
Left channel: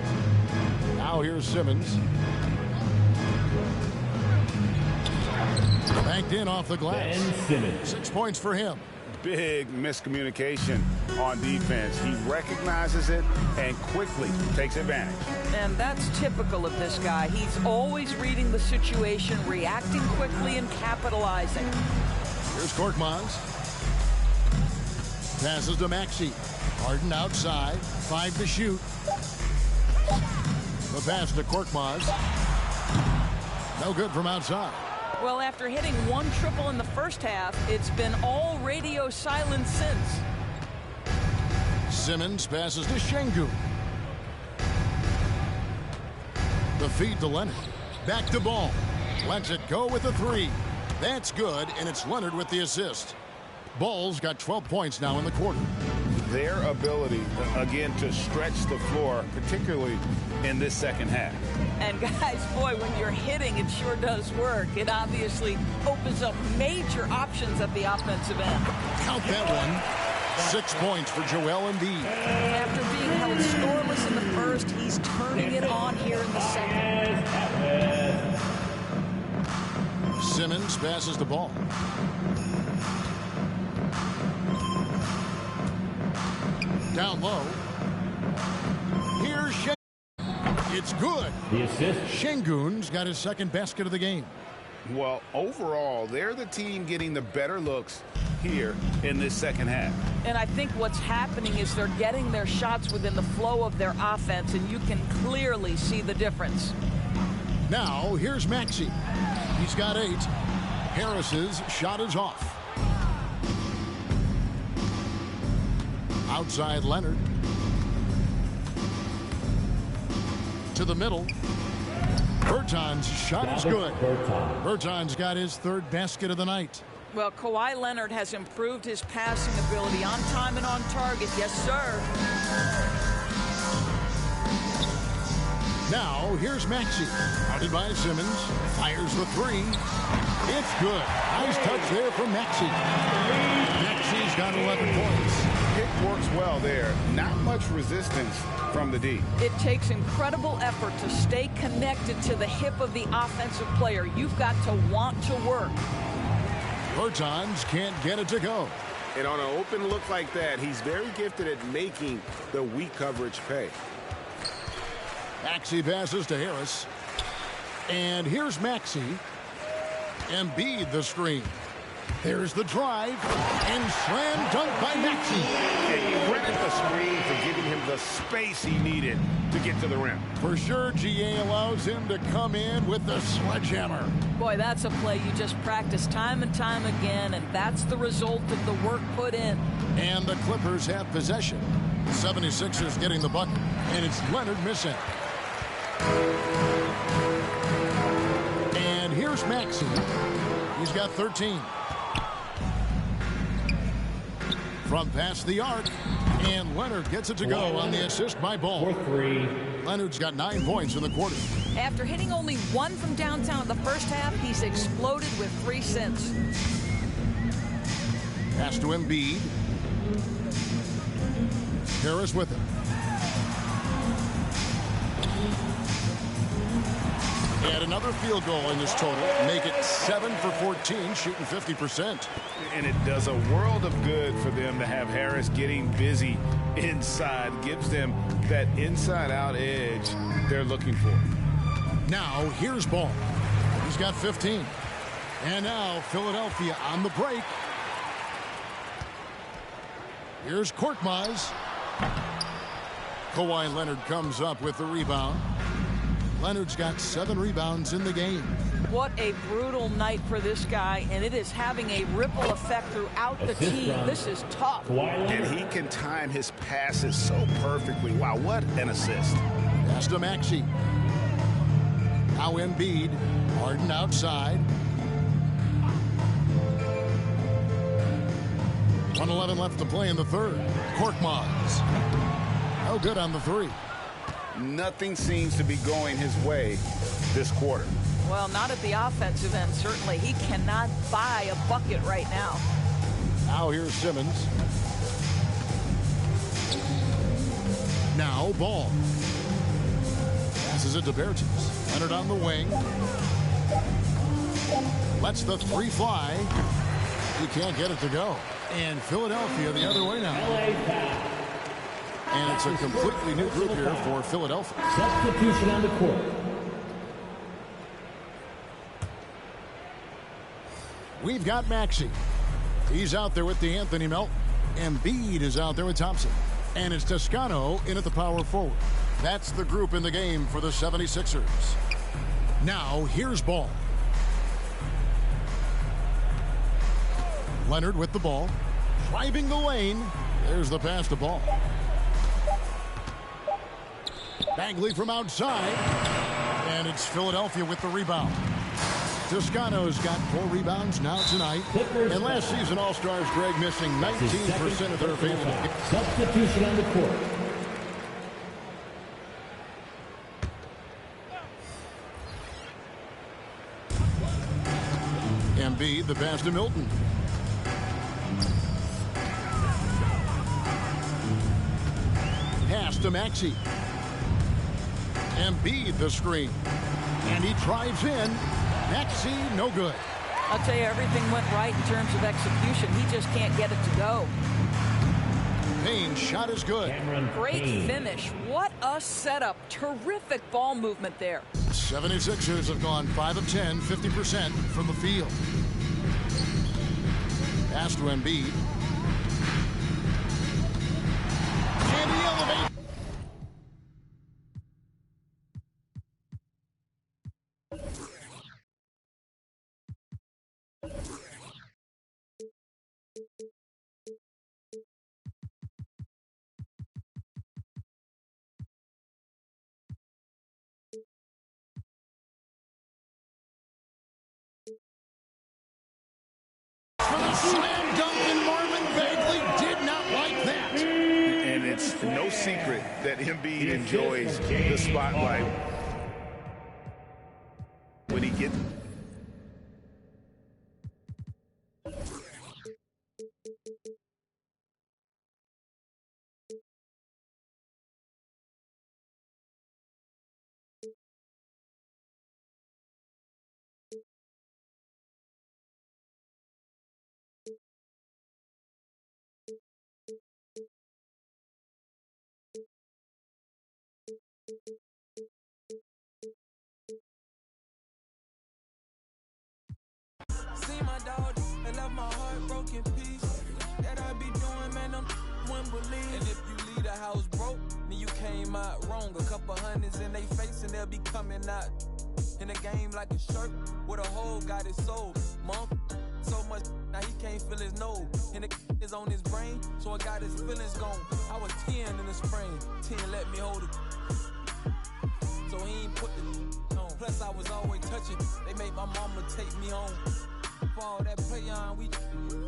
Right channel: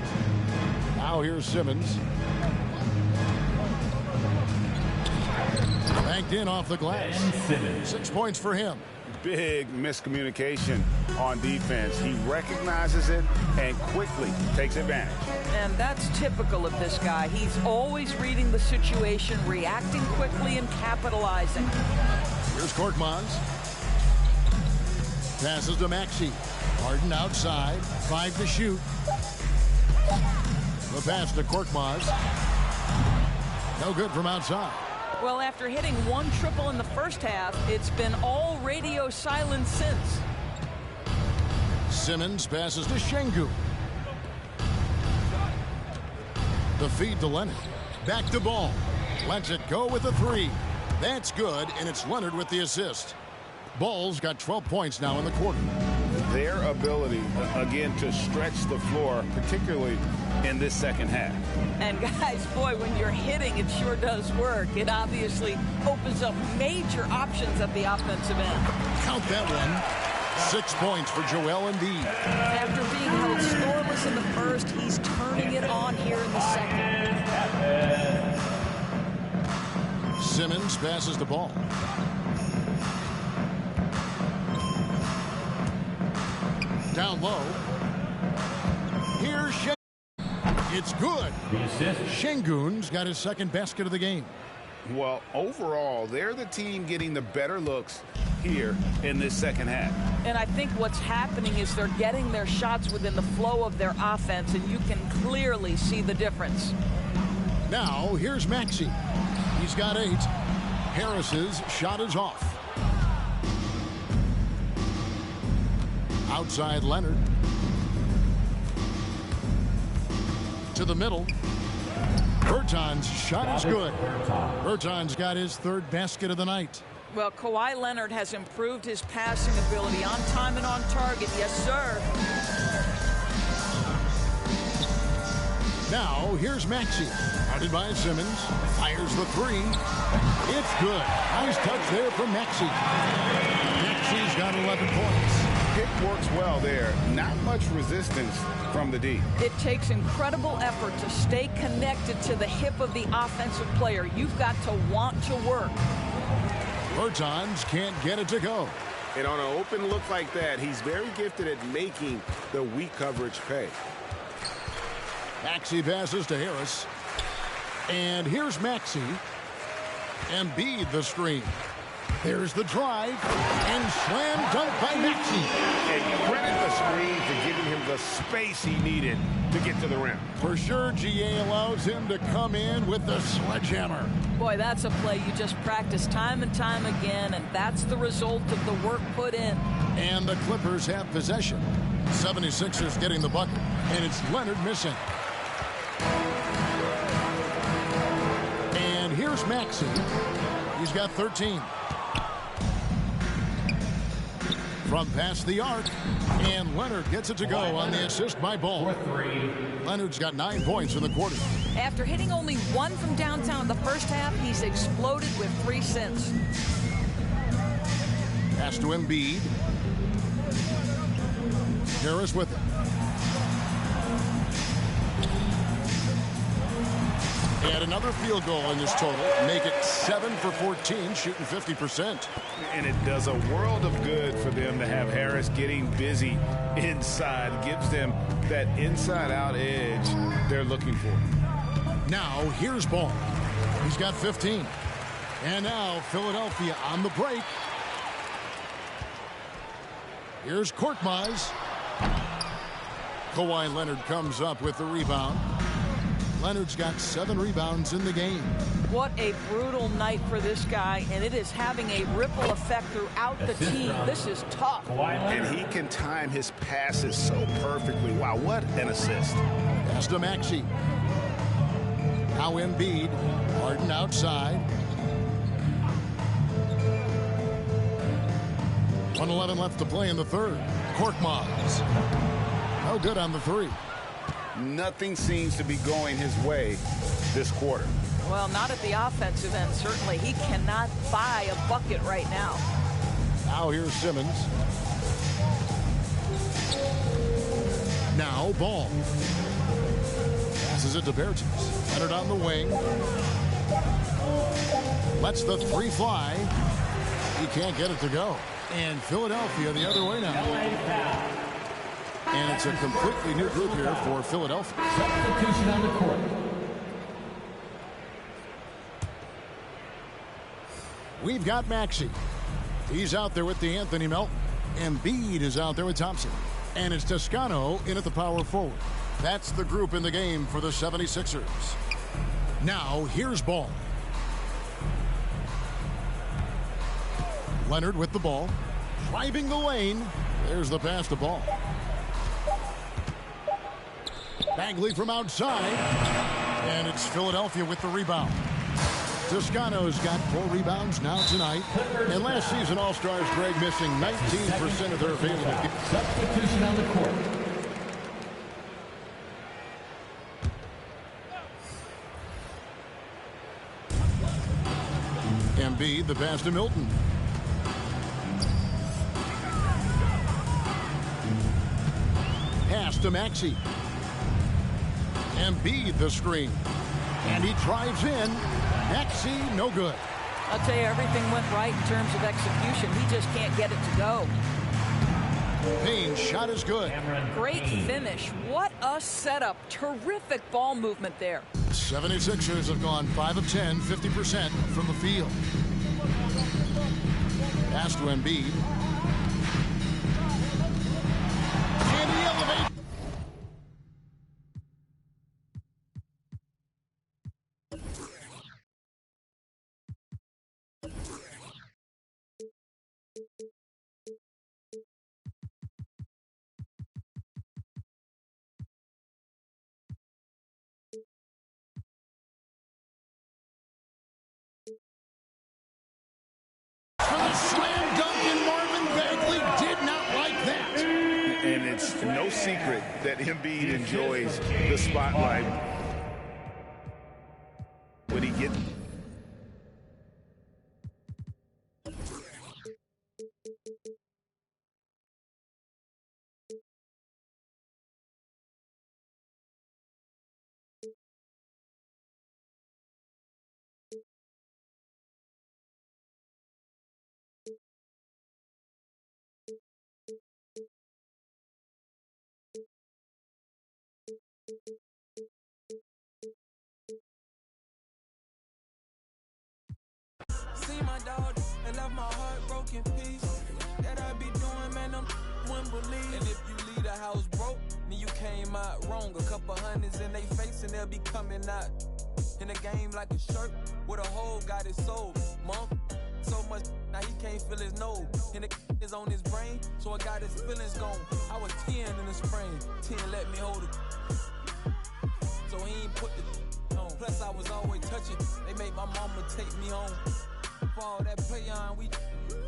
Now here's Simmons. Banked in off the glass. 6 points for him. Big miscommunication on defense. He recognizes it and quickly takes advantage. And that's typical of this guy. He's always reading the situation, reacting quickly, and capitalizing. Here's Korkmaz. Passes to Maxey. Harden outside. 5 to shoot. The pass to Korkmaz. No good from outside. Well, after hitting 1 triple in the first half, it's been all radio silence since. Simmons passes to Şengün. The feed to Leonard. Back to Ball. Lets it go with a 3. That's good, and it's Leonard with the assist. Ball's got 12 points now in the quarter. Their ability, again, to stretch the floor, particularly in this second half. And guys, boy, when you're hitting, it sure does work. It obviously opens up major options at the offensive end. Count that one. 6 points for Joel Embiid. After being held scoreless in the first, he's turning it on here in the second. Simmons passes the ball. Down low. Here's Şengün. It's good. The assist. Şengün's got his second basket of the game. Well, overall, they're the team getting the better looks here in this second half. And I think what's happening is they're getting their shots within the flow of their offense, and you can clearly see the difference. Now, here's Maxey. He's got 8. Harris's shot is off. Outside Leonard. To the middle. Berton's shot is good. Berton's got his 3rd basket of the night. Well, Kawhi Leonard has improved his passing ability on time and on target. Yes, sir. Now, here's Maxey. Guarded by Simmons. Fires the 3. It's good. Nice touch there from Maxey. Maxey's got 11 points. Pick works well there. Not much resistance from the D. It takes incredible effort to stay connected to the hip of the offensive player. You've got to want to work. Bertans can't get it to go. And on an open look like that, he's very gifted at making the weak coverage pay. Maxey passes to Harris. And here's Maxey. Embiid the screen. There's the drive. And slam dunk by Maxey. And credit the screen for giving him the space he needed to get to the rim. For sure, GA allows him to come in with the sledgehammer. Boy, that's a play you just practice time and time again, and that's the result of the work put in. And the Clippers have possession. 76ers getting the bucket. And it's Leonard missing. And here's Maxey. He's got 13. From past the arc, and Leonard gets it to go on the assist by Ball. 4-3. Leonard's got 9 points in the quarter. After hitting only 1 from downtown in the first half, he's exploded with 3 since. Pass to Embiid. Harris with it. Add another field goal in this total. Make it 7 for 14, shooting 50%. And it does a world of good for them to have Harris getting busy inside. Gives them that inside-out edge they're looking for. Now, here's Ball. He's got 15. And now, Philadelphia on the break. Here's Korkmaz. Kawhi Leonard comes up with the rebound. Leonard's got 7 rebounds in the game. What a brutal night for this guy, and it is having a ripple effect throughout the team. This is tough. And he can time his passes so perfectly. Wow, what an assist. Pass to Maxey. Now Embiid. Harden outside. 1:11 left to play in the third. Korkmaz. No good on the three. Nothing seems to be going his way this quarter. Well, not at the offensive end, certainly. He cannot buy a bucket right now. Now here's Simmons. Now Ball. Passes it to Bertens. Leonard on the wing. Lets the three fly. He can't get it to go. And Philadelphia the other way now. And it's a completely new group here for Philadelphia. Substitution on the court. We've got Maxey. He's out there with D'Anthony Melton. Embiid is out there with Thompson. And it's Toscano in at the power forward. That's the group in the game for the 76ers. Now, here's Ball. Leonard with the ball. Driving the lane. There's the pass to Ball. Bagley from outside. And it's Philadelphia with the rebound. Toscano's got 4 rebounds now tonight. And last season, All-Stars Greg missing 19% of their available games. Substitution on the court. Embiid, the pass to Milton. Pass to Maxey. Embiid the screen. And he drives in. Maxey, no good. I'll tell you, everything went right in terms of execution. He just can't get it to go. Payne's shot is good. Great finish. What a setup. Terrific ball movement there. 76ers have gone 5 of 10, 50% from the field. Pass to Embiid. And he elevates. For the slam dunk, and Marvin Bagley did not like that. And it's no secret that Embiid enjoys the spotlight when he gets. See my dog and left my heart broken piece. That I be doing, man, I'm wouldn't believe. And if you leave the house broke, then you came out wrong. A couple hundreds in they face and they'll be coming out in the game like a shirt with a hole got it sold. Month so much now he can't feel his nose. And the is on his brain, so I got his feelings gone. I was 10 in the spring, 10 let me hold it. So he ain't put the on. Plus I was always touching. They made my mama take me home. For all that play on, we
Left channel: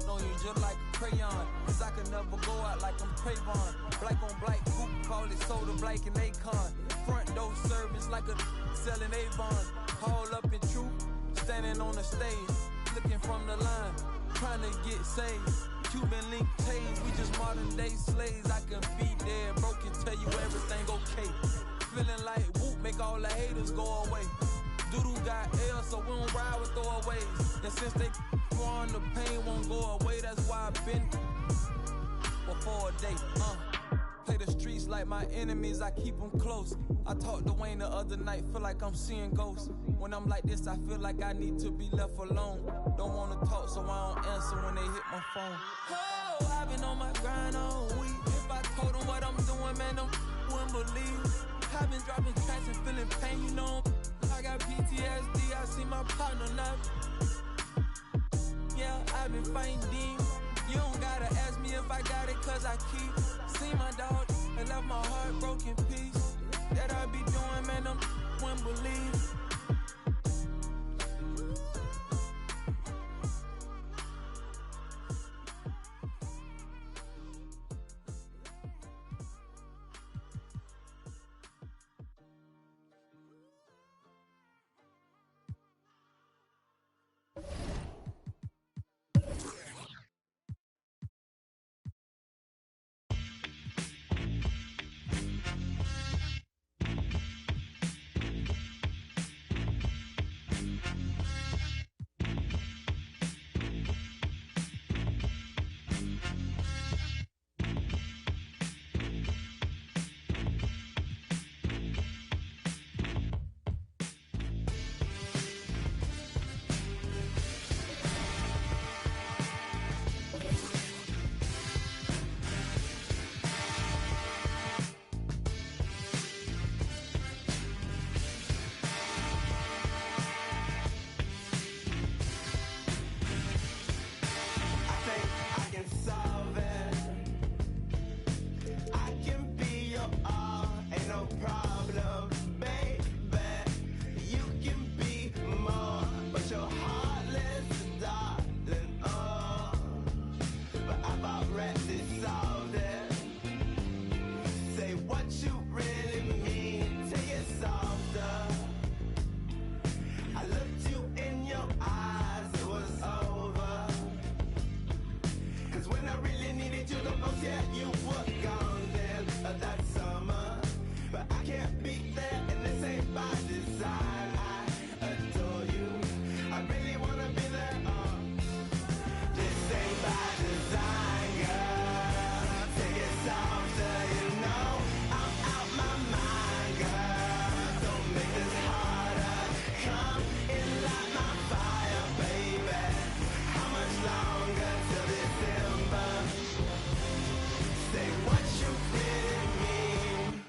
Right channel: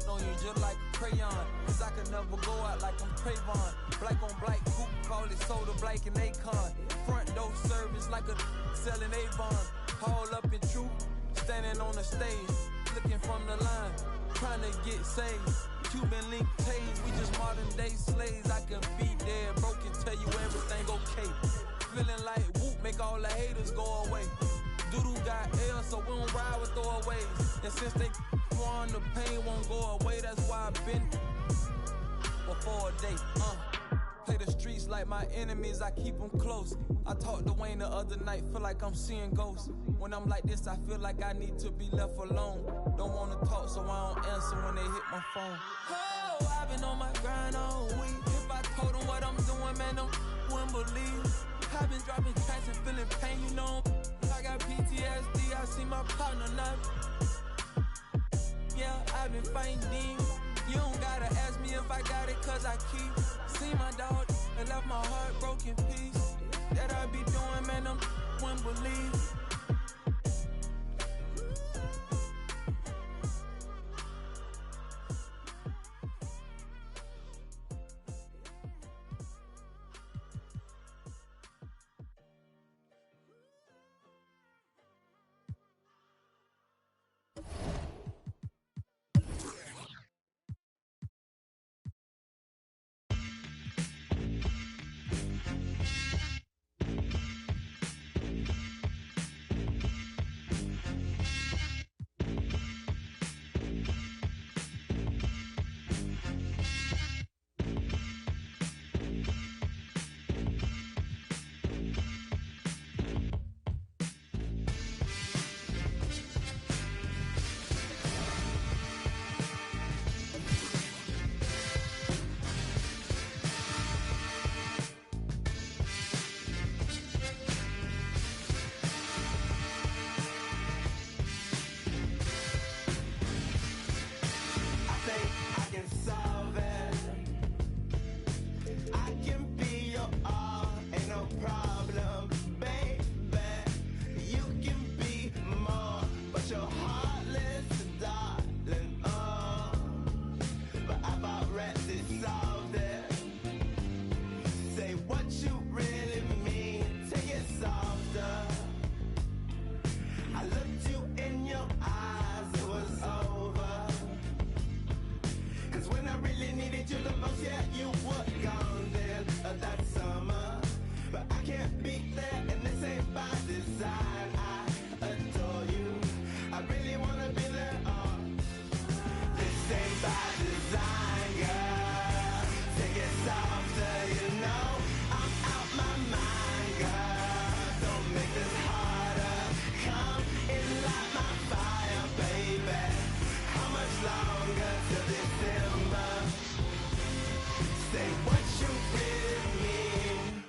on you just like a crayon. Cause I could never go out like I'm Trayvon. Black on black, coupe, call it soda, black and Akon. Front door service like a selling Avon. Haul up in truth, standing on the stage, looking from the line, trying to get saved. Cuban link tails, we just modern day slaves. I can be there, broken, tell you everything okay. Feeling like whoop, make all the haters go away. Doodoo got L, so we don't ride with throwaways. And since they on the pain won't go away, that's why I've been before a day. Play the streets like my enemies, I keep them close. I talked to Wayne the other night, feel like I'm seeing ghosts. When I'm like this, I feel like I need to be left alone. Don't wanna talk, so I don't answer when they hit my phone. Oh, I've been on my grind all week. If I told them what I'm doing, man, them wouldn't believe. I've been dropping tracks and feeling pain, you know. I got PTSD, I see my partner now. Yeah, I've been fighting demons. You don't gotta ask me if I got it, cause I keep. See my dog and left my heart broken piece. That I be doing, man, them wouldn't believe. rest is solved there. Say what you really mean, take it softer. I looked you in your eyes, it was over. Cause when I really needed you the most, yeah, you were gone then, that summer. But I can't be there, and this ain't by design. I adore you, I really wanna be there, this ain't by design, girl. Take it softer, you know I'm out my mind, girl. Don't make this harder. Come in, light my fire, baby. How much longer till December? Say what you really mean.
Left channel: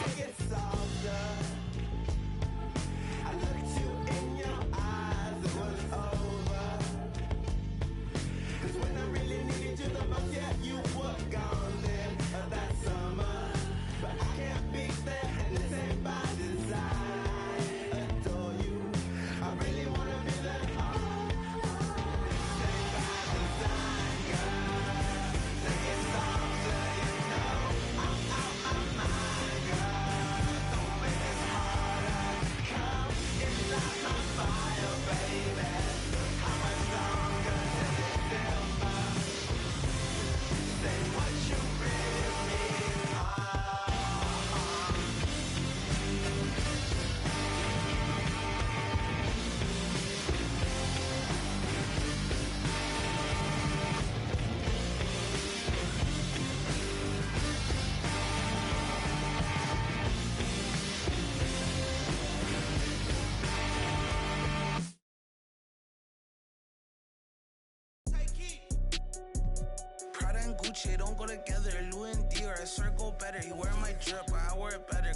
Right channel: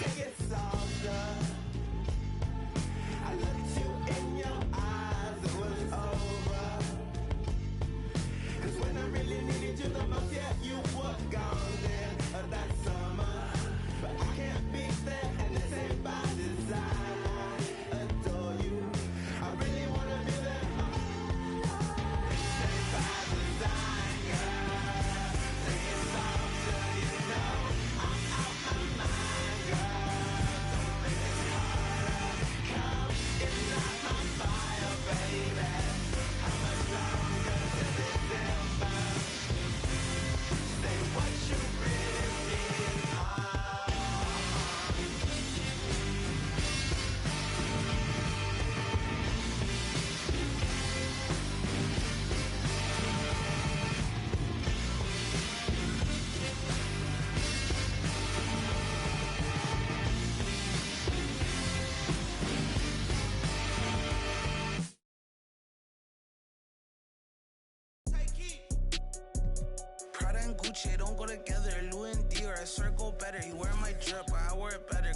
Take it softer. I looked you in your eyes, it was over. Cause when I really needed you the most, yeah, you were gone then, that summer. But I can't be there, and this ain't by design. I adore you, I really wanna be there, this ain't by design, girl. Take it softer, you know I'm out my mind, girl. Don't make this harder. Come and light my fire, baby. How much longer till December? Say what you really mean. Prada and Gucci don't go together. Louis and Dior, I swear go better. You wear my drip, but I wear it better.